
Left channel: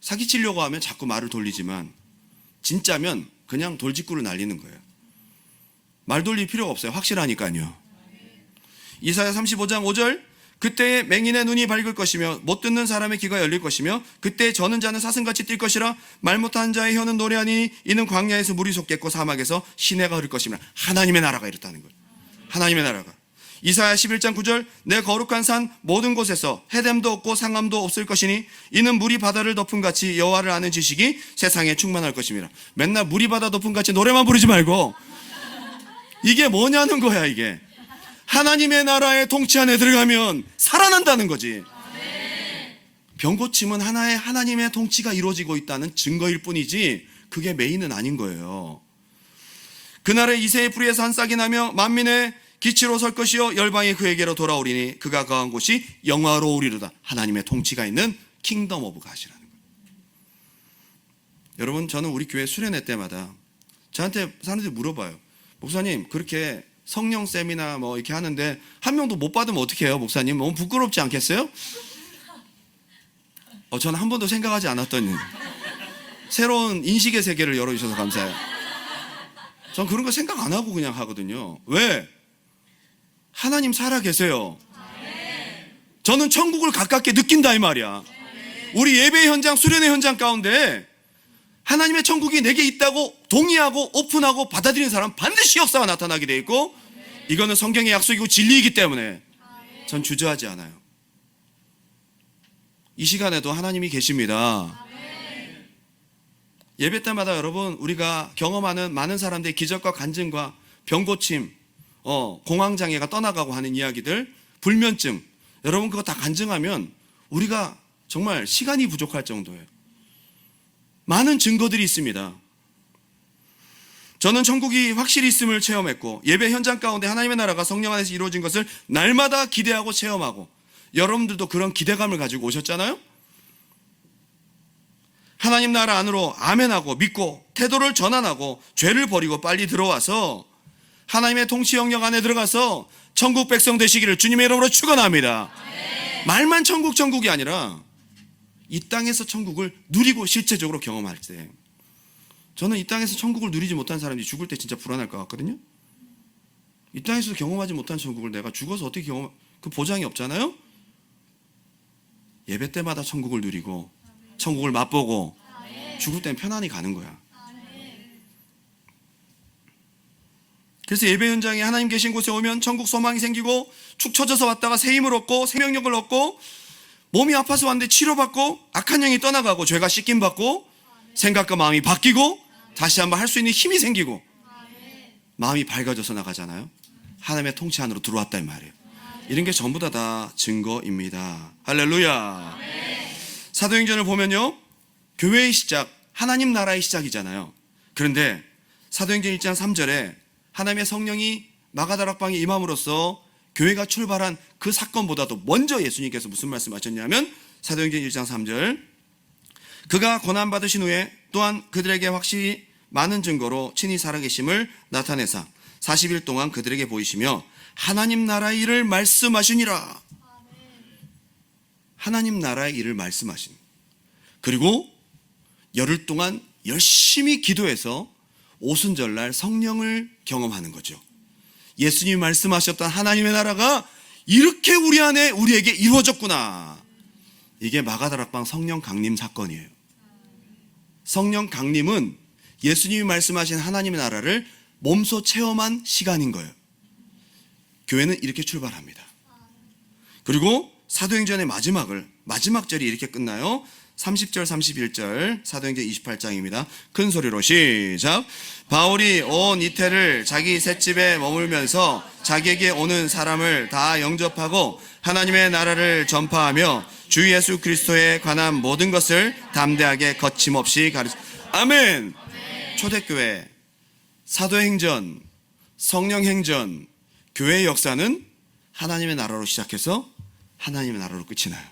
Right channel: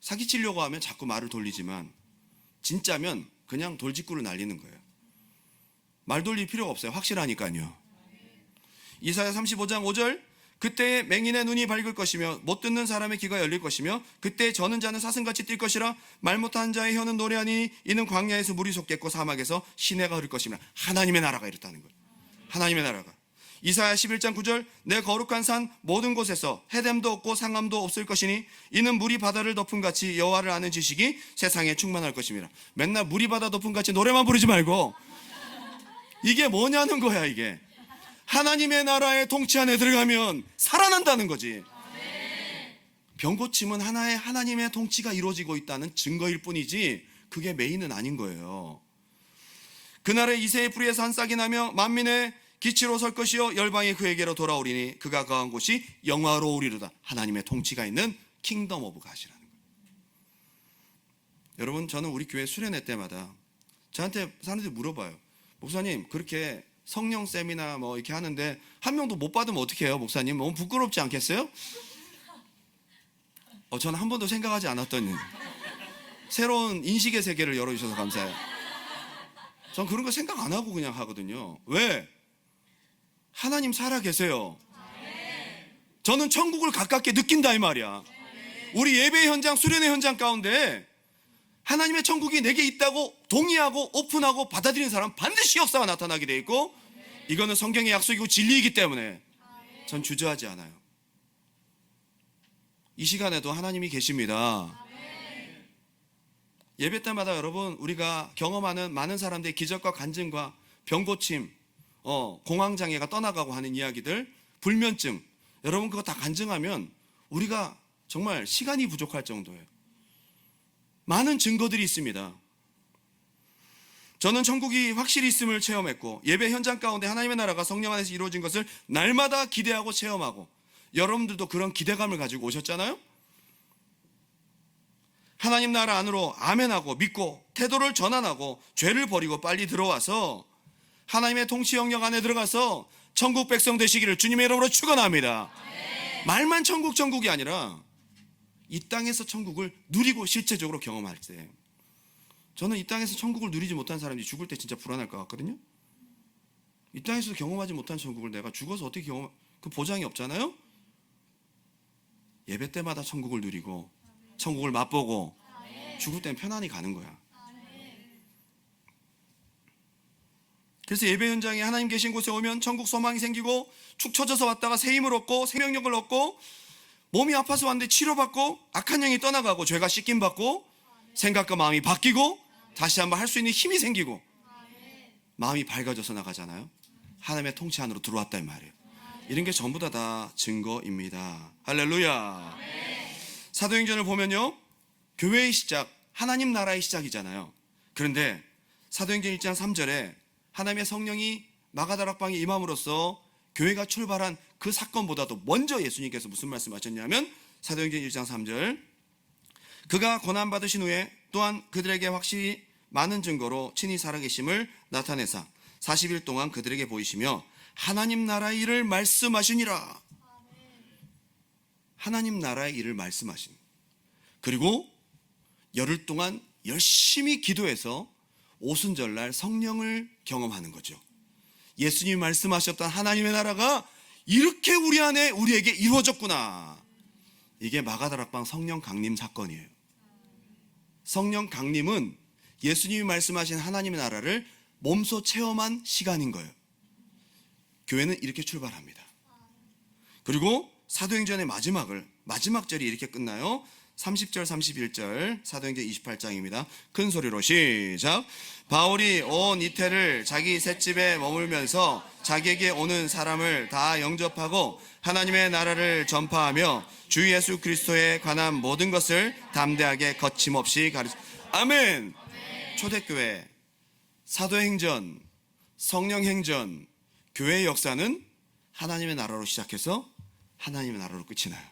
사기치려고 하면 자꾸 말을 돌리지만 진짜면 그냥 돌직구를 날리는 거예요. 말 돌릴 필요가 없어요. 확실하니까요. 이사야 35장 5절, 그때 맹인의 눈이 밝을 것이며 못 듣는 사람의 귀가 열릴 것이며 그때 저는 자는 사슴같이 뛸 것이라 말 못하는 자의 혀는 노래하니 이는 광야에서 물이 솟겠고 사막에서 시내가 흐를 것이며. 하나님의 나라가 이렇다는 거예요. 하나님의 나라가. 이사야 11장 9절, 내 거룩한 산 모든 곳에서 해됨도 없고 상함도 없을 것이니 이는 물이 바다를 덮은 같이 여호와를 아는 지식이 세상에 충만할 것입니다. 맨날 물이 바다 덮은 같이 노래만 부르지 말고 이게 뭐냐는 거야. 이게 하나님의 나라의 통치 안에 들어가면 살아난다는 거지. 병 고침은 하나의 하나님의 통치가 이루어지고 있다는 증거일 뿐이지 그게 메인은 아닌 거예요. 그날에 이새의 뿌리에서 한 싹이 나며 만민의 기치로 설 것이요 열방이 그에게로 돌아오리니 그가 거한 곳이 영화로우리로다. 하나님의 통치가 있는 킹덤 오브 갓이라는 거예요. 여러분, 저는 우리 교회 수련회 때마다 저한테 사람들이 물어봐요. 목사님, 그렇게 성령 세미나 뭐 이렇게 하는데 한 명도 못 받으면 어떻게 해요, 목사님? 너무 부끄럽지 않겠어요? 저는 한 번도 생각하지 않았던 새로운 인식의 세계를 열어주셔서 감사해요. 전 그런 거 생각 안 하고 그냥 하거든요. 왜? 하나님 살아 계세요. 저는 천국을 가깝게 느낀다 이 말이야. 우리 예배 현장, 수련회 현장 가운데 하나님의 천국이 내게 있다고 동의하고 오픈하고 받아들이는 사람 반드시 역사가 나타나게 돼 있고, 이거는 성경의 약속이고 진리이기 때문에 전 주저하지 않아요. 이 시간에도 하나님이 계십니다. 예배 때마다 여러분, 우리가 경험하는 많은 사람들의 기적과 간증과 병고침, 공황장애가 떠나가고 하는 이야기들, 불면증, 여러분 그거 다 간증하면 우리가 정말 시간이 부족할 정도예요. 많은 증거들이 있습니다. 저는 천국이 확실히 있음을 체험했고 예배 현장 가운데 하나님의 나라가 성령 안에서 이루어진 것을 날마다 기대하고 체험하고, 여러분들도 그런 기대감을 가지고 오셨잖아요. 하나님 나라 안으로 아멘하고 믿고 태도를 전환하고 죄를 버리고 빨리 들어와서 하나님의 통치 영역 안에 들어가서 천국 백성 되시기를 주님의 이름으로 축원합니다. 말만 천국이 아니라 이 땅에서 천국을 누리고 실제적으로 경험할 때, 저는 이 땅에서 천국을 누리지 못한 사람이 죽을 때 진짜 불안할 것 같거든요. 이 땅에서도 경험하지 못한 천국을 내가 죽어서 어떻게 그 보장이 없잖아요. 예배 때마다 천국을 누리고 천국을 맛보고 죽을 땐 편안히 가는 거야. 그래서 예배 현장에 하나님 계신 곳에 오면 천국 소망이 생기고 축 처져서 왔다가 새 힘을 얻고 생명력을 얻고 몸이 아파서 왔는데 치료받고 악한 영이 떠나가고 죄가 씻김받고 생각과 마음이 바뀌고 다시 한번 할 수 있는 힘이 생기고 마음이 밝아져서 나가잖아요. 하나님의 통치 안으로 들어왔다 이 말이에요. 이런 게 전부 다 증거입니다. 할렐루야. 사도행전을 보면요, 교회의 시작, 하나님 나라의 시작이잖아요. 그런데 사도행전 1장 3절에 하나님의 성령이 마가다락방에 임함으로써 교회가 출발한 그 사건보다도 먼저 예수님께서 무슨 말씀하셨냐면 사도행전 1장 3절, 그가 고난받으신 후에 또한 그들에게 확실히 많은 증거로 친히 살아계심을 나타내사 40일 동안 그들에게 보이시며 하나님 나라의 일을 말씀하시니라. 하나님 나라의 일을 말씀하신. 그리고 열흘 동안 열심히 기도해서 오순절날 성령을 경험하는 거죠. 예수님이 말씀하셨던 하나님의 나라가 이렇게 우리 안에 우리에게 이루어졌구나. 이게 마가다락방 성령 강림 사건이에요. 성령 강림은 예수님이 말씀하신 하나님의 나라를 몸소 체험한 시간인 거예요. 교회는 이렇게 출발합니다. 그리고 사도행전의 마지막 절이 이렇게 끝나요. 30절 31절 사도행전 28장입니다. 큰 소리로 시작. 바울이 온 이태를 자기 셋집에 머물면서 자기에게 오는 사람을 다 영접하고 하나님의 나라를 전파하며 주 예수 그리스도에 관한 모든 것을 담대하게 거침없이 가르쳐. 아멘. 초대교회, 사도행전, 성령행전, 교회의 역사는 하나님의 나라로 시작해서 하나님의 나라로 끝이 나요.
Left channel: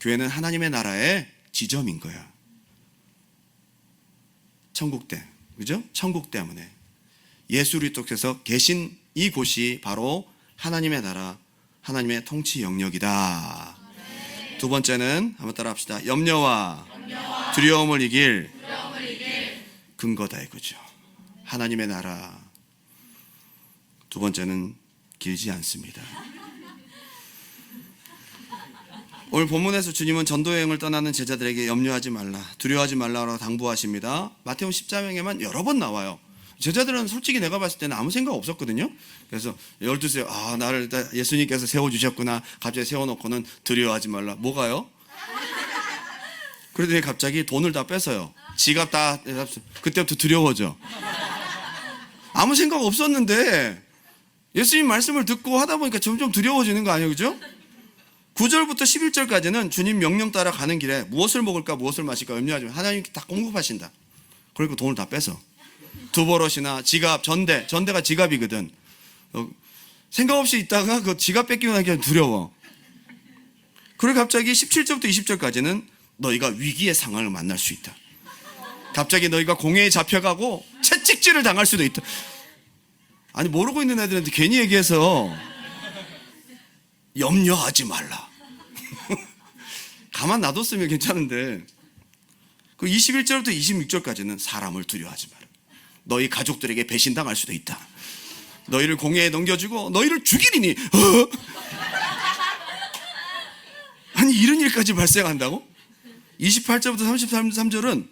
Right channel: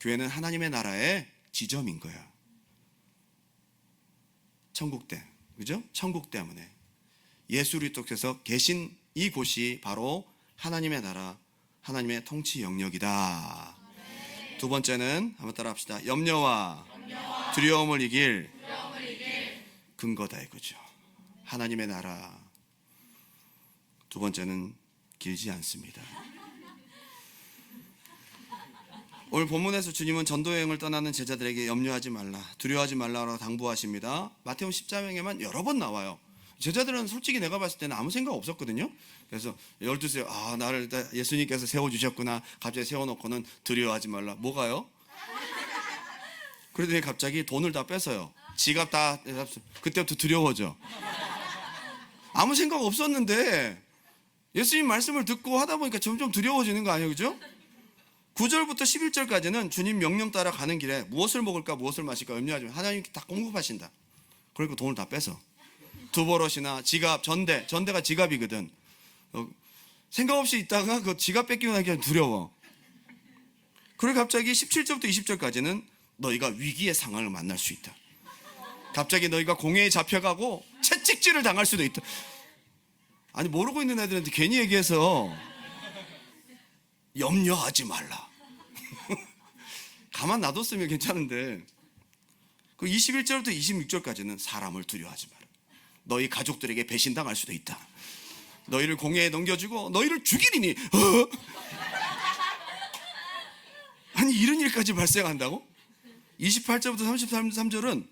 교회는 하나님의 나라의 지점인 거야. 천국대, 그죠? 천국 때문에 예수 그리스도께서 계신 이곳이 바로 하나님의 나라, 하나님의 통치 영역이다. 두 번째는 한번 따라합시다. 염려와 두려움을 이길 근거다 이거죠. 하나님의 나라. 두 번째는 길지 않습니다. 오늘 본문에서 주님은 전도여행을 떠나는 제자들에게 염려하지 말라, 두려워하지 말라라고 당부하십니다. 마태복음 10장에만 여러 번 나와요. 제자들은 솔직히 내가 봤을 때는 아무 생각 없었거든요. 그래서 12세, 나를 예수님께서 세워주셨구나. 갑자기 세워놓고는 두려워하지 말라. 뭐가요? 그러더니 갑자기 돈을 다 뺏어요. 지갑 다. 그때부터 두려워져. 아무 생각 없었는데 예수님 말씀을 듣고 하다 보니까 점점 두려워지는 거 아니에요, 그죠? 9절부터 11절까지는 주님 명령 따라 가는 길에 무엇을 먹을까 무엇을 마실까 염려하지 마. 하나님께 다 공급하신다. 그러니까 돈을 다 뺏어. 두 버릇이나 지갑, 전대가 지갑이거든. 생각 없이 있다가 그 지갑 뺏기고 나니까 두려워. 그리고 갑자기 17절부터 20절까지는 너희가 위기의 상황을 만날 수 있다. 갑자기 너희가 공회에 잡혀가고 채찍질을 당할 수도 있다. 아니, 모르고 있는 애들한테 괜히 얘기해서 염려하지 말라. 가만 놔뒀으면 괜찮은데 그 21절부터 26절까지는 사람을 두려워하지 마라. 너희 가족들에게 배신당할 수도 있다. 너희를 공회에 넘겨주고 너희를 죽이리니. 아니, 이런 일까지 발생한다고? 28절부터 33절은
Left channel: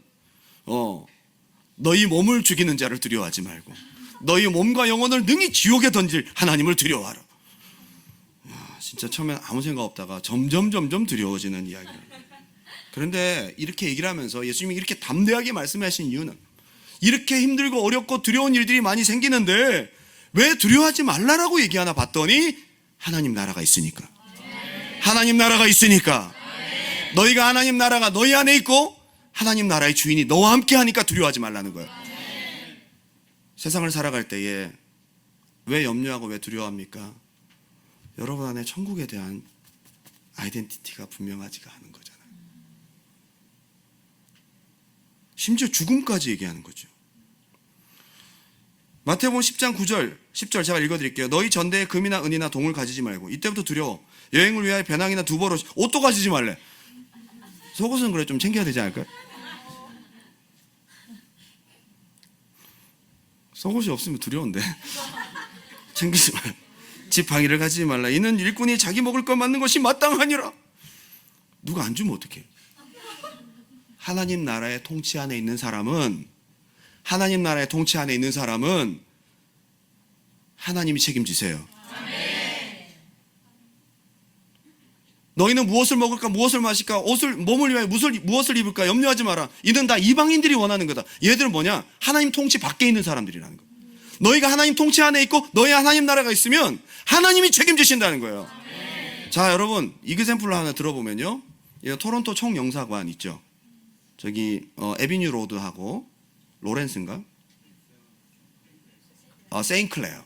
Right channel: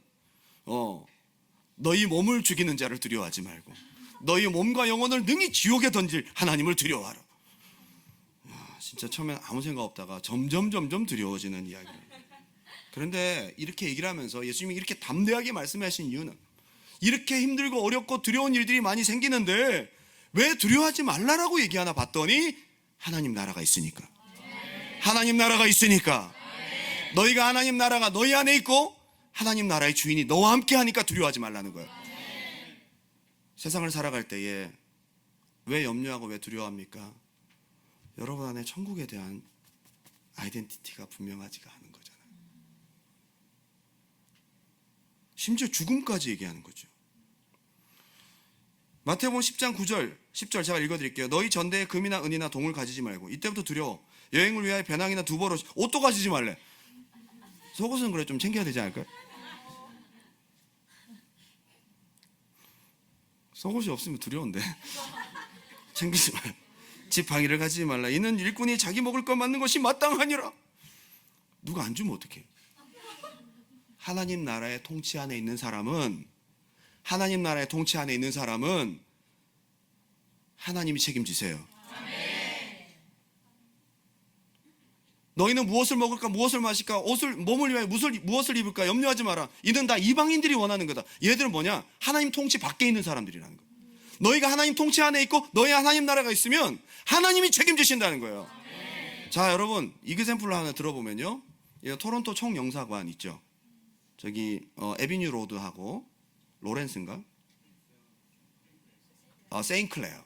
너희 몸을 죽이는 자를 두려워하지 말고 너희 몸과 영혼을 능히 지옥에 던질 하나님을 두려워하라. 진짜 처음엔 아무 생각 없다가 점점 두려워지는 이야기예요. 그런데 이렇게 얘기를 하면서 예수님이 이렇게 담대하게 말씀하신 이유는 이렇게 힘들고 어렵고 두려운 일들이 많이 생기는데 왜 두려워하지 말라라고 얘기하나 봤더니 하나님 나라가 있으니까. 하나님 나라가 있으니까. 너희가 하나님 나라가 너희 안에 있고 하나님 나라의 주인이 너와 함께 하니까 두려워하지 말라는 거예요. 세상을 살아갈 때에 왜 염려하고 왜 두려워합니까? 여러분 안에 천국에 대한 아이덴티티가 분명하지가 않은 거잖아요. 심지어 죽음까지 얘기하는 거죠. 마태복음 10장 9절 10절 제가 읽어드릴게요. 너희 전대에 금이나 은이나 동을 가지지 말고. 이때부터 두려워. 여행을 위하여 배낭이나 두벌옷, 옷도 가지지 말래. 속옷은 그래 좀 챙겨야 되지 않을까요? 속옷이 없으면 두려운데 챙기지 말라. 지팡이를 가지지 말라. 이는 일꾼이 자기 먹을 것 맞는 것이 마땅하니라. 누가 안 주면 어떡해? 하나님 나라의 통치 안에 있는 사람은 하나님이 책임지세요. 너희는 무엇을 먹을까 무엇을 마실까 몸을 위하여 무엇을 입을까 염려하지 마라. 이는 다 이방인들이 원하는 거다. 얘들은 뭐냐? 하나님 통치 밖에 있는 사람들이라는 거야. 너희가 하나님 통치 안에 있고 너희 하나님 나라가 있으면 하나님이 책임지신다는 거예요. 자, 여러분 이그샘플을 하나 들어보면요, 토론토 총영사관 있죠. 저기 에비뉴 로드하고 로렌스인가? 세인클레어,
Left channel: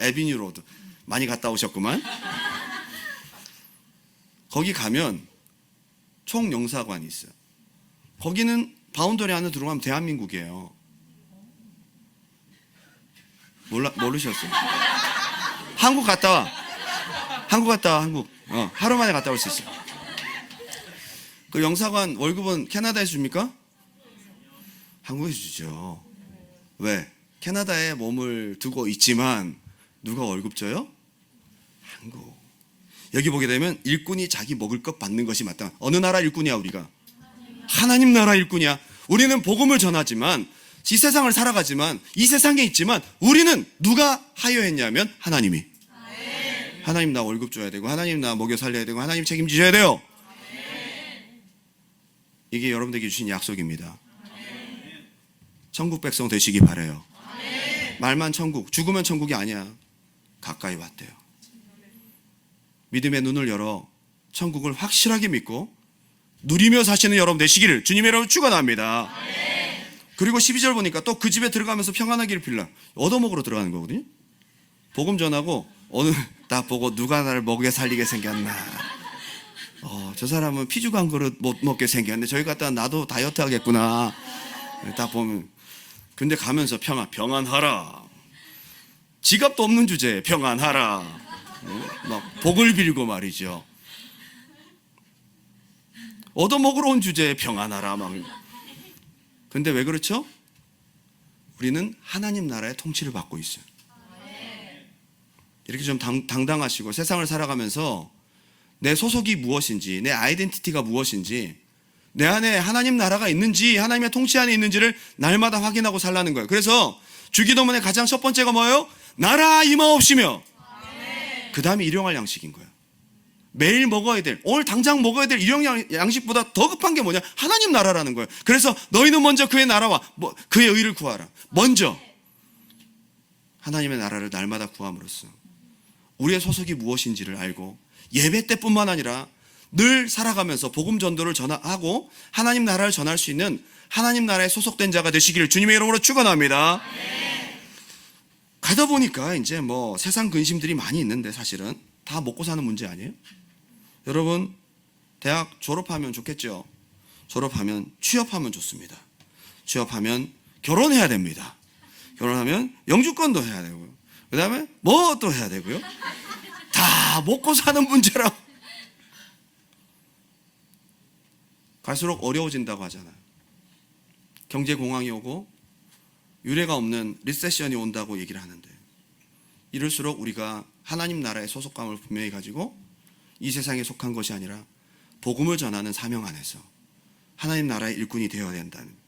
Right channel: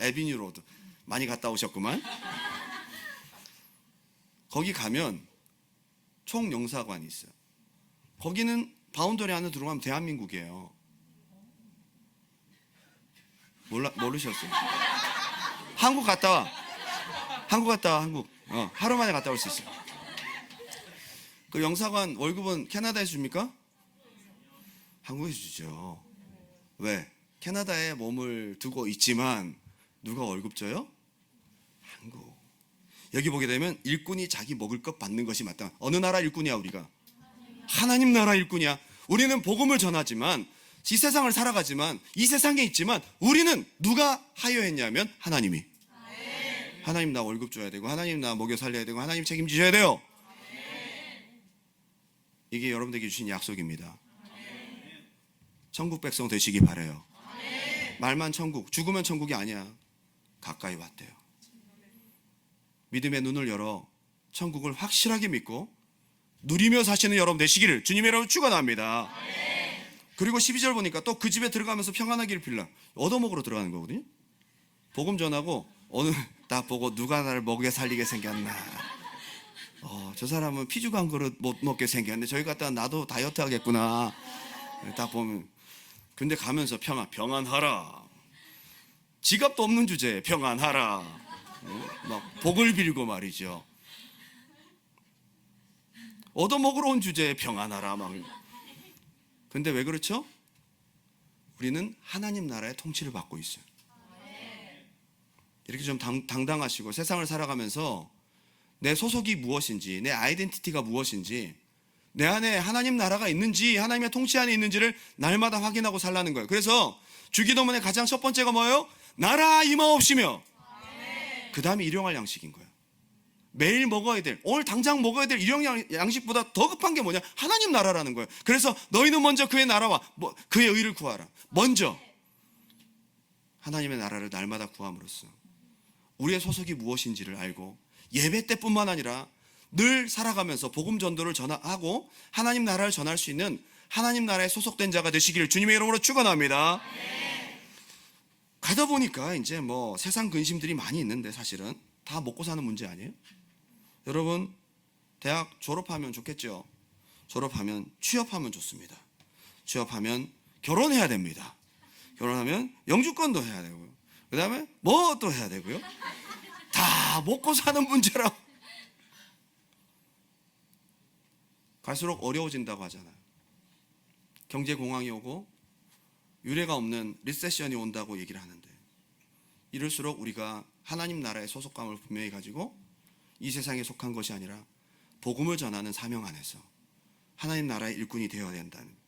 에비뉴 로드 많이 갔다 오셨구만. 거기 가면 총영사관이 있어요. 거기는 바운더리 안에 들어가면 대한민국이에요. 모르셨어요? 한국 갔다 와. 한국. 하루 만에 갔다 올 수 있어요. 그 영사관 월급은 캐나다에서 줍니까? 한국에서 주죠. 왜? 캐나다에 몸을 두고 있지만 누가 월급 줘요? 한국. 여기 보게 되면 일꾼이 자기 먹을 것 받는 것이 마땅. 어느 나라 일꾼이야 우리가? 하나님 나라 일꾼이야. 우리는 복음을 전하지만 이 세상을 살아가지만 이 세상에 있지만 우리는 누가 하여했냐면 하나님이. 하나님 나 월급 줘야 되고 하나님 나 먹여 살려야 되고 하나님 책임지셔야 돼요. 이게 여러분들에게 주신 약속입니다. 천국 백성 되시기 바라요. 말만 천국, 죽으면 천국이 아니야. 가까이 왔대요. 믿음의 눈을 열어 천국을 확실하게 믿고 누리며 사시는 여러분 되시기를 주님의 이름으로 축원합니다. 그리고 12절 보니까 또 그 집에 들어가면서 평안하기를 빌라. 얻어먹으러 들어가는 거거든요. 복음 전하고 오늘 딱 보고 누가 나를 먹여 살리게 생겼나. 저 사람은 피죽 한 그릇 못 먹게 생겼네. 저기 갔다 나도 다이어트 하겠구나. 딱 보면. 근데 가면서 평안하라. 지갑도 없는 주제에 평안하라. 막 복을 빌고 말이죠. 얻어먹으러 온 주제에 평안하라. 막. 근데 왜 그렇죠? 우리는 하나님 나라의 통치를 받고 있어요. 이렇게 좀 당당하시고 세상을 살아가면서 내 소속이 무엇인지, 내 아이덴티티가 무엇인지, 내 안에 하나님 나라가 있는지, 하나님의 통치 안에 있는지를 날마다 확인하고 살라는 거예요. 그래서 주기도문의 가장 첫 번째가 뭐예요? 나라 임하옵시며. 그 다음에 일용할 양식인 거예요. 매일 먹어야 될, 오늘 당장 먹어야 될 일용 양식보다 더 급한 게 뭐냐? 하나님 나라라는 거예요. 그래서 너희는 먼저 그의 나라와 그의 의를 구하라. 먼저 하나님의 나라를 날마다 구함으로써 우리의 소속이 무엇인지를 알고 예배 때뿐만 아니라 늘 살아가면서 복음 전도를 전하고 하나님 나라를 전할 수 있는 하나님 나라에 소속된 자가 되시기를 주님의 이름으로 축원합니다. 가다 보니까 이제 뭐 세상 근심들이 많이 있는데 사실은 다 먹고 사는 문제 아니에요? 여러분 대학 졸업하면 좋겠죠. 졸업하면 취업하면 좋습니다. 취업하면 결혼해야 됩니다. 결혼하면 영주권도 해야 되고요. 그 다음에 뭐 또 해야 되고요. 다 먹고 사는 문제라. 갈수록 어려워진다고 하잖아요. 경제 공황이 오고 유례가 없는 리세션이 온다고 얘기를 하는데, 이럴수록 우리가 하나님 나라의 소속감을 분명히 가지고 이 세상에 속한 것이 아니라 복음을 전하는 사명 안에서 하나님 나라의 일꾼이 되어야 된다는.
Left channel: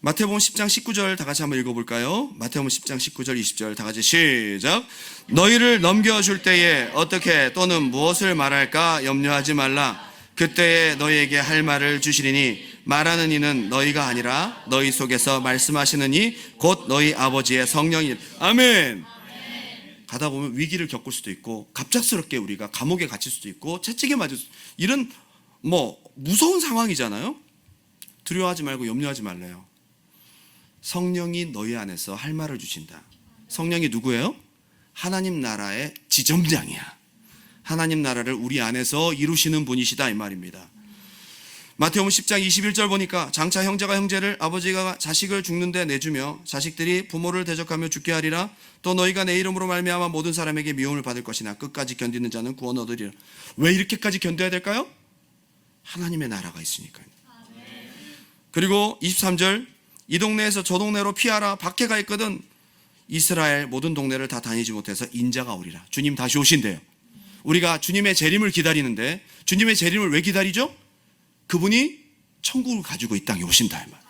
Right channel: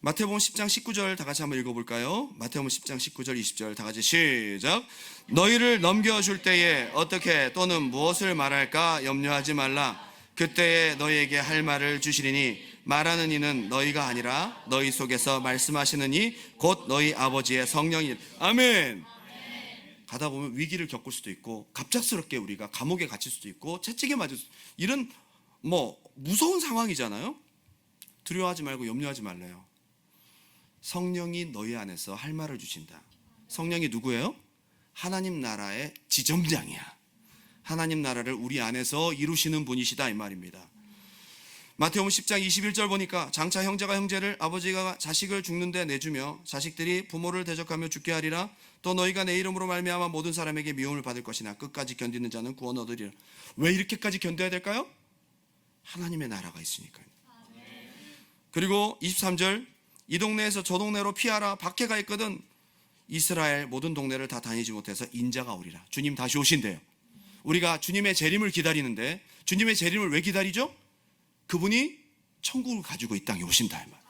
마태복음 10장 19절 다 같이 한번 읽어볼까요? 마태복음 10장 19절 20절 다 같이 시작. 너희를 넘겨줄 때에 어떻게 또는 무엇을 말할까 염려하지 말라. 그때에 너희에게 할 말을 주시리니 말하는 이는 너희가 아니라 너희 속에서 말씀하시는 이 곧 너희 아버지의 성령이. 아멘. 가다 보면 위기를 겪을 수도 있고 갑작스럽게 우리가 감옥에 갇힐 수도 있고 채찍에 맞을 수도, 이런 무서운 상황이잖아요. 두려워하지 말고 염려하지 말래요. 성령이 너희 안에서 할 말을 주신다. 성령이 누구예요? 하나님 나라의 지점장이야. 하나님 나라를 우리 안에서 이루시는 분이시다 이 말입니다. 마태복음 10장 21절 보니까 장차 형제가 형제를, 아버지가 자식을 죽는데 내주며 자식들이 부모를 대적하며 죽게 하리라. 또 너희가 내 이름으로 말미암아 모든 사람에게 미움을 받을 것이나 끝까지 견디는 자는 구원 얻으리라. 왜 이렇게까지 견뎌야 될까요? 하나님의 나라가 있으니까요. 그리고 23절 이 동네에서 저 동네로 피하라. 박해가 있거든. 이스라엘 모든 동네를 다 다니지 못해서 인자가 오리라. 주님 다시 오신대요. 우리가 주님의 재림을 기다리는데, 주님의 재림을 왜 기다리죠? 그분이 천국을 가지고 이 땅에 오신다 이 말.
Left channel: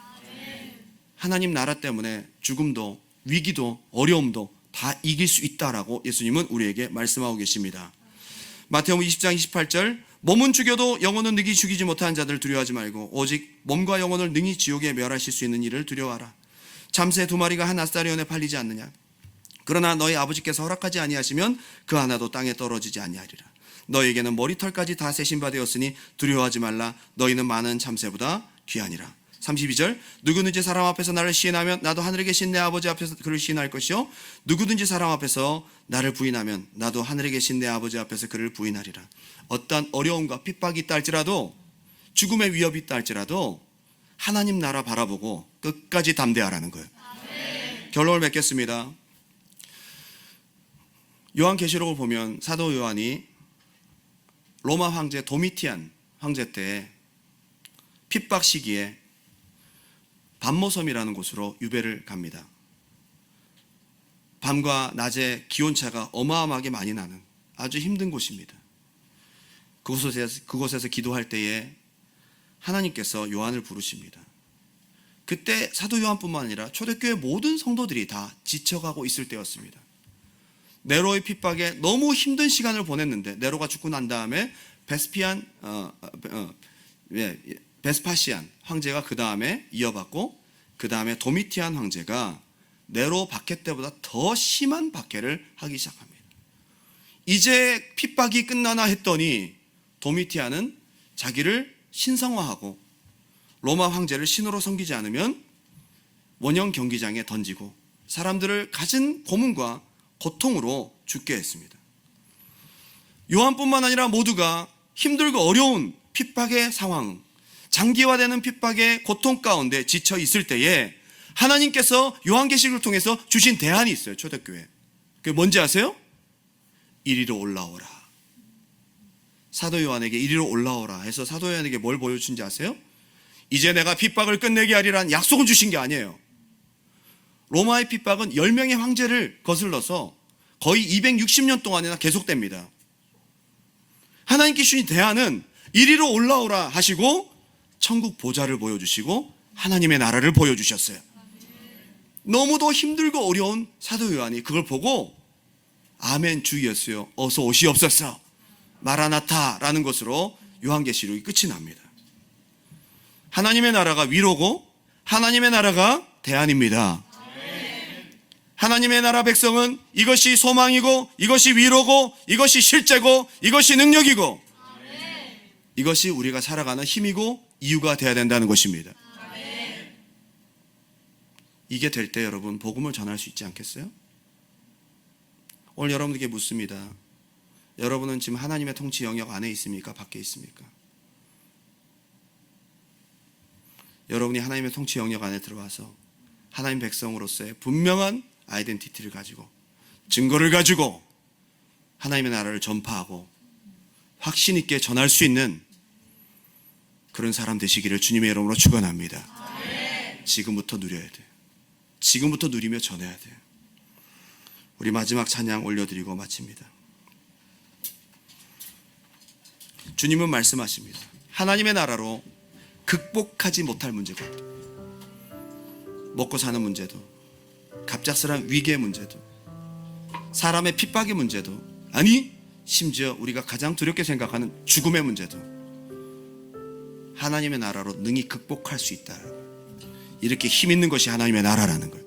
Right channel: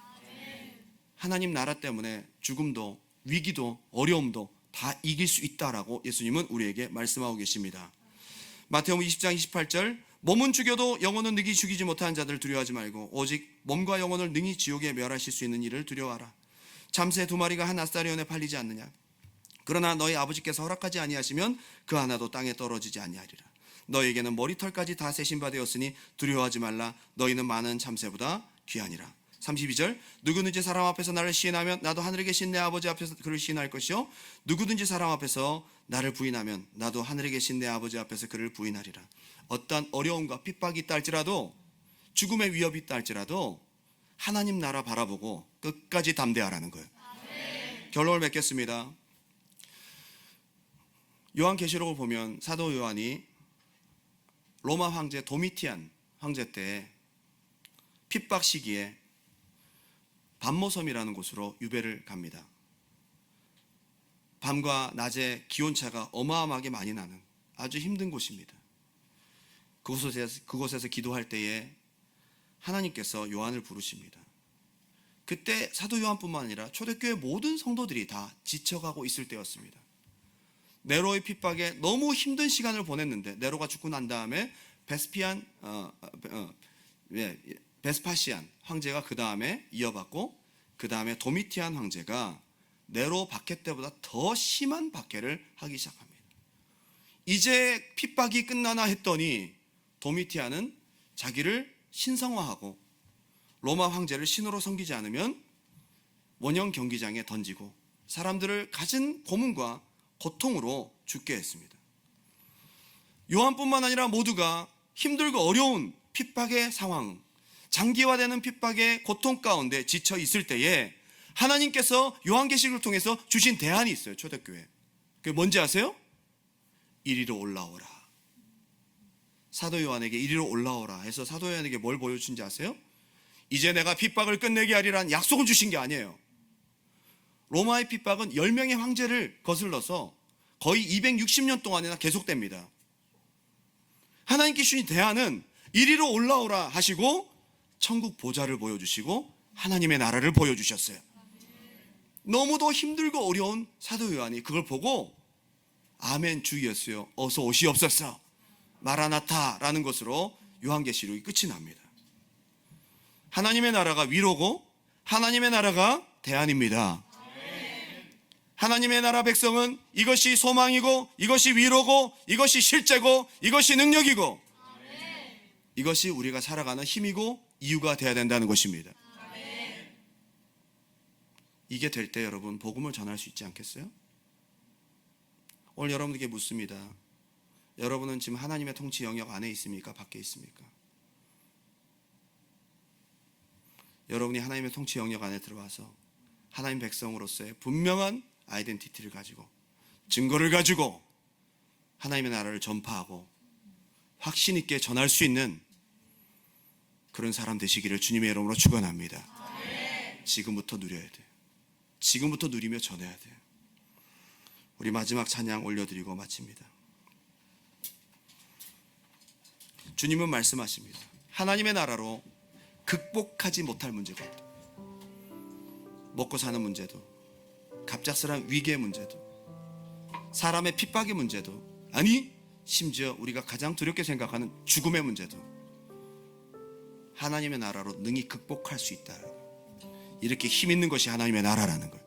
하나님 나라 때문에 죽음도 위기도 어려움도 다 이길 수 있다라고 예수님은 우리에게 말씀하고 계십니다. 마태복음 20장 28절 몸은 죽여도 영혼은 능히 죽이지 못하는 자들 두려워하지 말고 오직 몸과 영혼을 능히 지옥에 멸하실 수 있는 이를 두려워하라. 참새 2마리가 한 아스타리온에 팔리지 않느냐. 그러나 너희 아버지께서 허락하지 아니하시면 그 하나도 땅에 떨어지지 아니하리라. 너희에게는 머리털까지 다 세신 바 되었으니 두려워하지 말라. 너희는 많은 참새보다 귀하니라. 32절 누구든지 사람 앞에서 나를 시인하면 나도 하늘에 계신 내 아버지 앞에서 그를 시인할 것이요 누구든지 사람 앞에서 나를 부인하면 나도 하늘에 계신 내 아버지 앞에서 그를 부인하리라. 어떠한 어려움과 핍박이 있다 할지라도 죽음의 위협이 있다 할지라도 하나님 나라 바라보고 끝까지 담대하라는 거예요. 결론을 맺겠습니다. 요한계시록을 보면 사도 요한이 로마 황제 도미티안 황제 때 핍박 시기에 밤모섬이라는 곳으로 유배를 갑니다. 밤과 낮의 기온차가 어마어마하게 많이 나는 아주 힘든 곳입니다. 그곳에서 기도할 때에 하나님께서 요한을 부르십니다. 그때 사도 요한뿐만 아니라 초대교회 모든 성도들이 다 지쳐가고 있을 때였습니다. 네로의 핍박에 너무 힘든 시간을 보냈는데 네로가 죽고 난 다음에 베스파시안 황제가 그 다음에 이어받고 그 다음에 도미티안 황제가 네로 박해 때보다 더 심한 박해를 하기 시작합니다. 이제 핍박이 끝나나 했더니 도미티안은 자기를 신성화하고 로마 황제를 신으로 섬기지 않으면 원형 경기장에 던지고 사람들을 갖은 고문과 고통으로 죽게 했습니다. 요한뿐만 아니라 모두가 힘들고 어려운 핍박의 상황, 장기화되는 핍박의 고통 가운데 지쳐 있을 때에 하나님께서 요한계시록을 통해서 주신 대안이 있어요. 초대교회. 그게 뭔지 아세요? 이리로 올라오라. 사도 요한에게 이리로 올라오라 해서 사도 요한에게 뭘 보여주신지 아세요? 이제 내가 핍박을 끝내게 하리라는 약속을 주신 게 아니에요. 로마의 핍박은 10명의 황제를 거슬러서 거의 260년 동안이나 계속됩니다. 하나님께 주신 대안은 이리로 올라오라 하시고 천국 보좌를 보여주시고 하나님의 나라를 보여주셨어요. 너무도 힘들고 어려운 사도 요한이 그걸 보고 아멘 주 예수여 어서 오시옵소서 마라나타라는 것으로 요한계시록이 끝이 납니다. 하나님의 나라가 위로고 하나님의 나라가 대안입니다. 하나님의 나라 백성은 이것이 소망이고 이것이 위로고 이것이 실제고 이것이 능력이고 이것이 우리가 살아가는 힘이고 이유가 되어야 된다는 것입니다. 이게 될 때 여러분 복음을 전할 수 있지 않겠어요? 오늘 여러분에게 묻습니다. 여러분은 지금 하나님의 통치 영역 안에 있습니까? 밖에 있습니까? 여러분이 하나님의 통치 영역 안에 들어와서 하나님 백성으로서의 분명한 아이덴티티를 가지고 증거를 가지고 하나님의 나라를 전파하고 확신 있게 전할 수 있는 그런 사람 되시기를 주님의 이름으로 축원합니다. 지금부터 누려야 돼요. 지금부터 누리며 전해야 돼요. 우리 마지막 찬양 올려드리고 마칩니다. 주님은 말씀하십니다. 하나님의 나라로 극복하지 못할 문제가 먹고 사는 문제도 갑작스러운 위기의 문제도 사람의 핍박의 문제도 아니 심지어 우리가 가장 두렵게 생각하는 죽음의 문제도 하나님의 나라로 능히 극복할 수 있다. 이렇게 힘 있는 것이 하나님의 나라라는 거예요.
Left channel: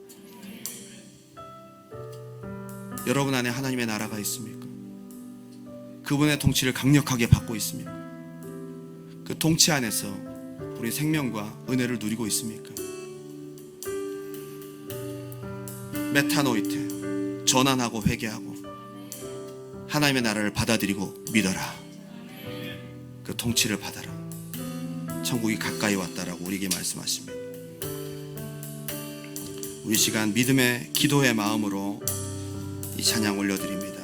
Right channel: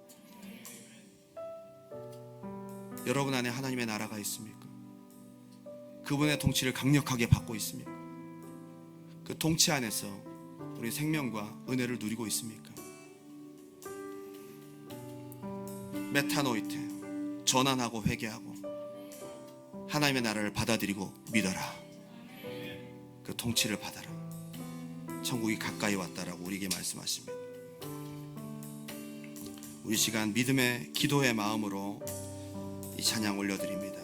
여러분 안에 하나님의 나라가 있습니까? 그분의 통치를 강력하게 받고 있습니까? 그 통치 안에서 우리 생명과 은혜를 누리고 있습니까? 메타노이테, 전환하고 회개하고 하나님의 나라를 받아들이고 믿어라. 그 통치를 받아라. 천국이 가까이 왔다라고 우리에게 말씀하십니다. 우리 시간 믿음의 기도의 마음으로 이 찬양 올려드립니다.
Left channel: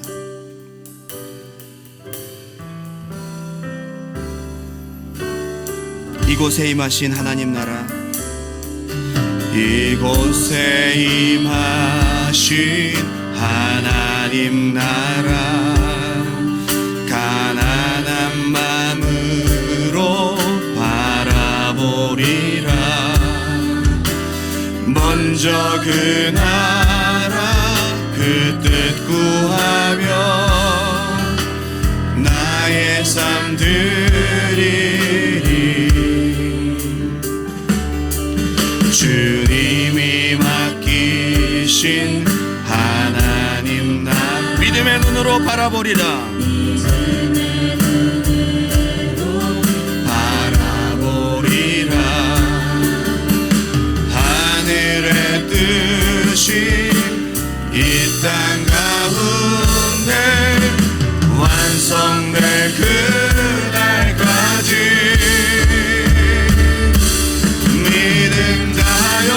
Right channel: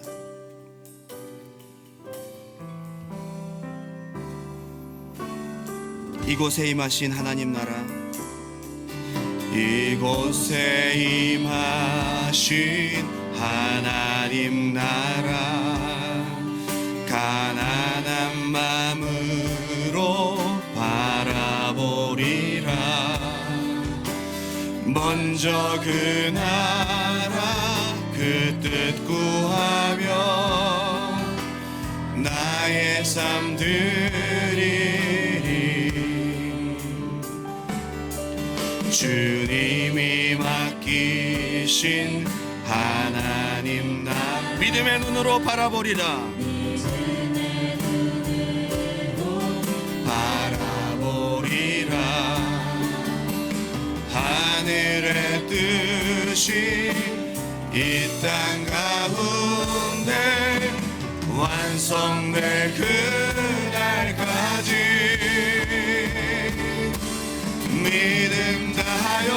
이곳에 임하신 하나님 나라, 이곳에 임하신 하나님 나라, 가난한 마음으로 바라보리라. 먼저 그 나라 그 주님이 맡기신 하나님 나 믿음의 눈으로 바라보리라. 바라보리라. 하늘의 뜻이 이 땅 가운데 완성될 그날까지 믿음 다하여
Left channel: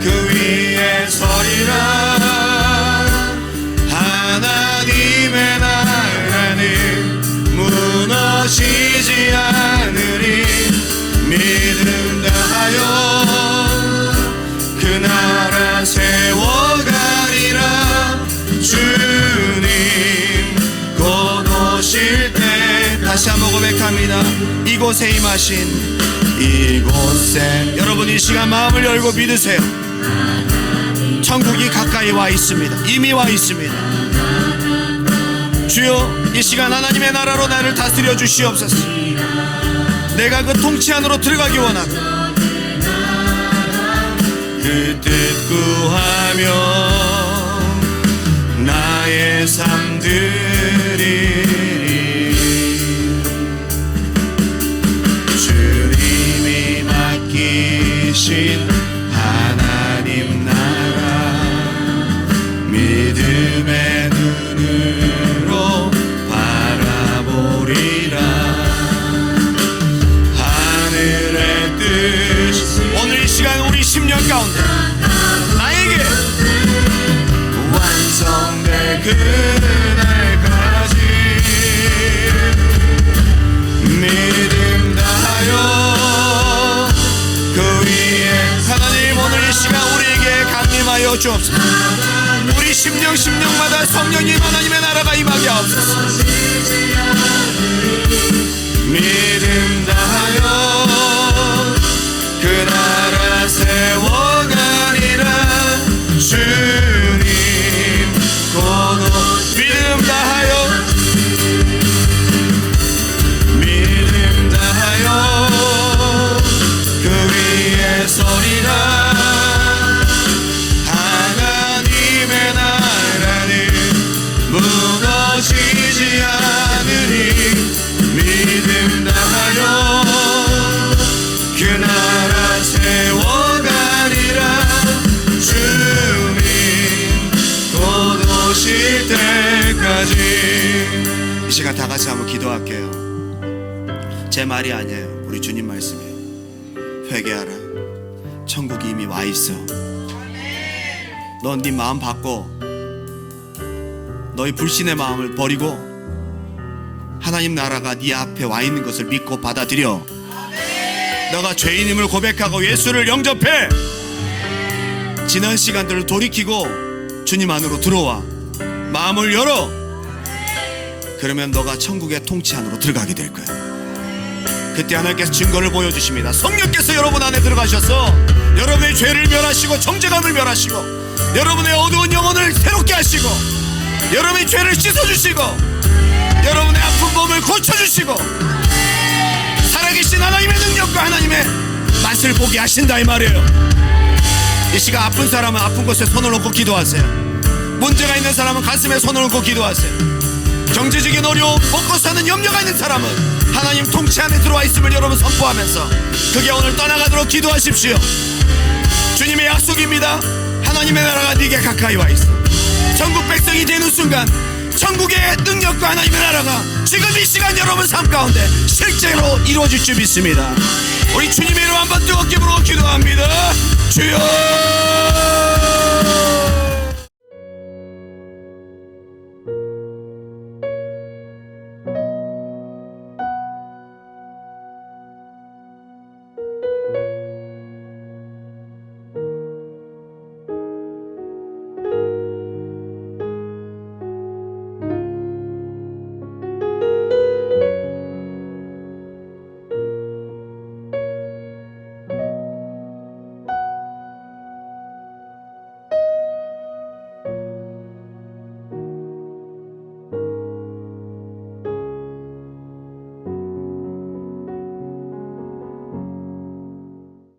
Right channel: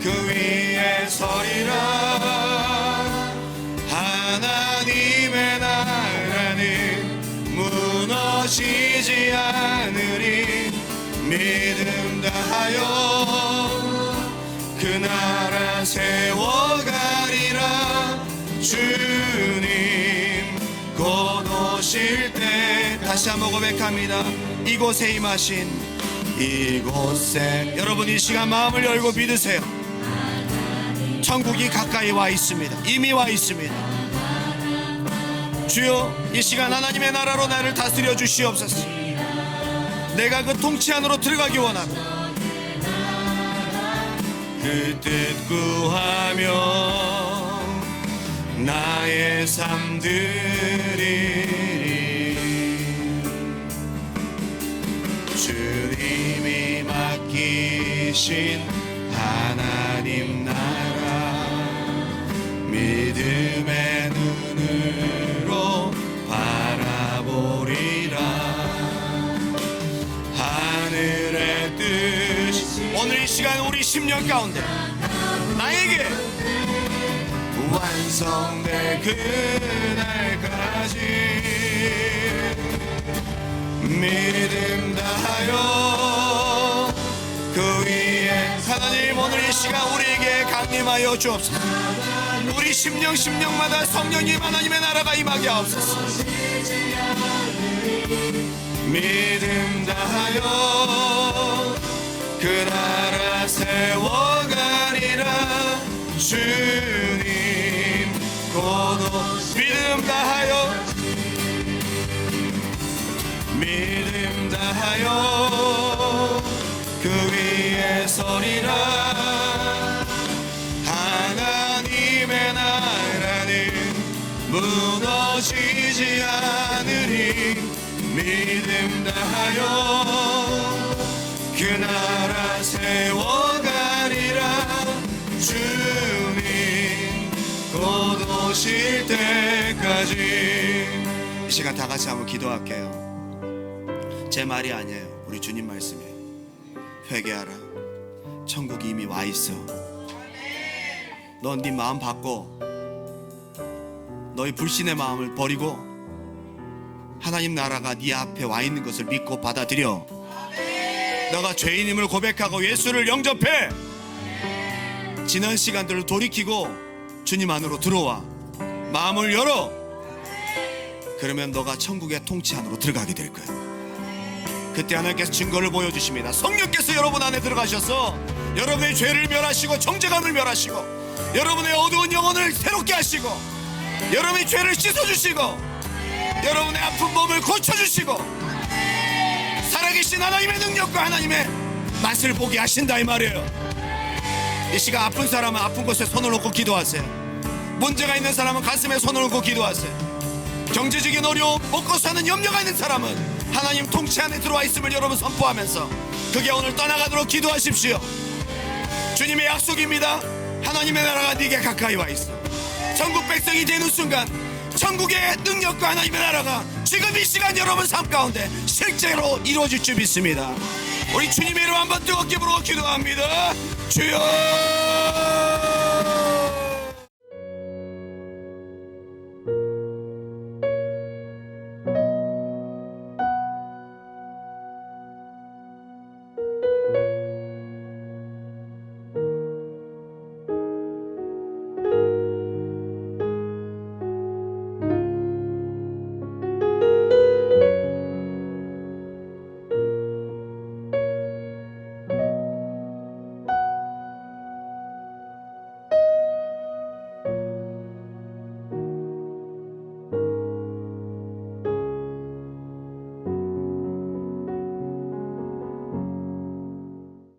그 위에 서리라. 하나님의 나라는 무너지지 않으리. 믿음 다하여 그 나라 세워가리라. 주님 곧 오실 때 다시 한번 고백합니다. 이곳에 임하신 이곳에 여러분 이 시간 마음을 열고 믿으세요. 천국이 가까이 와 있습니다. 이미 와 있습니다. 주여 이 시간 하나님의 나라로 나를 다스려 주시옵소서. 내가 그 통치 안으로 들어가기 원하고 그 뜻 구하며 나의 삶 드리리. 주님이 맡기신 하나님 나라 믿음의 눈으로 바라보리라. 하늘의 뜻 오늘 이 시간 우리 10년 가운데 나에게 완성될 그날까지 믿음 다하여 그 위에 하나님 오늘 이 시간 우리에게 강림하여 주옵소서. 우리 10년마다 성령님 하나님의 나라가 임하게 하옵소서. 믿음 다하여 그 나라 세워가리라. 주님 곧 믿음 다하여 믿음 다하여 그 위에 서리라. 하나님의 나라는 무너지지 않으리. 믿음 다하여 그 나라 세워가리라. 주님 곧 오실 때까지. 이 시간 다 같이 한번 기도할게요. 제 말이 아니에요. 우리 주님 말씀이에요. 회개하라. 천국이 이미 와 있어. 넌 네 마음 바꿔. 너의 불신의 마음을 버리고 하나님 나라가 네 앞에 와 있는 것을 믿고 받아들여. 너가 죄인임을 고백하고 예수를 영접해. 지난 시간들을 돌이키고 주님 안으로 들어와. 마음을 열어. 그러면 너가 천국의 통치 안으로 들어가게 될 거야. 그때 하나님께서 증거를 보여주십니다. 성령께서 여러분 안에 들어가셔서 여러분의 죄를 멸하시고 정죄감을 멸하시고 여러분의 어두운 영혼을 새롭게 하시고 여러분의 죄를 씻어주시고 여러분의 아픈 몸을 고쳐주시고 살아계신 하나님의 능력과 하나님의 맛을 보게 하신다 이 말이에요. 이 시간 아픈 사람은 아픈 곳에 손을 놓고 기도하세요. 문제가 있는 사람은 가슴에 손을 놓고 기도하세요. 경제적인 어려움, 먹고 사는 염려가 있는 사람은 하나님 통치 안에 들어와 있음을 여러분 선포하면서 그게 오늘 떠나가도록 기도하십시오. 주님의 약속입니다. 하나님의 나라가 네게 가까이 와 있어. 천국 백성이 되는 순간 천국의 능력과 하나님의 나라가 지금 이 시간 여러분 삶 가운데 실제로 이루어질 줄 믿습니다. 우리 주님의 이름 한번 뜨겁게 부르고 기도합니다. 주여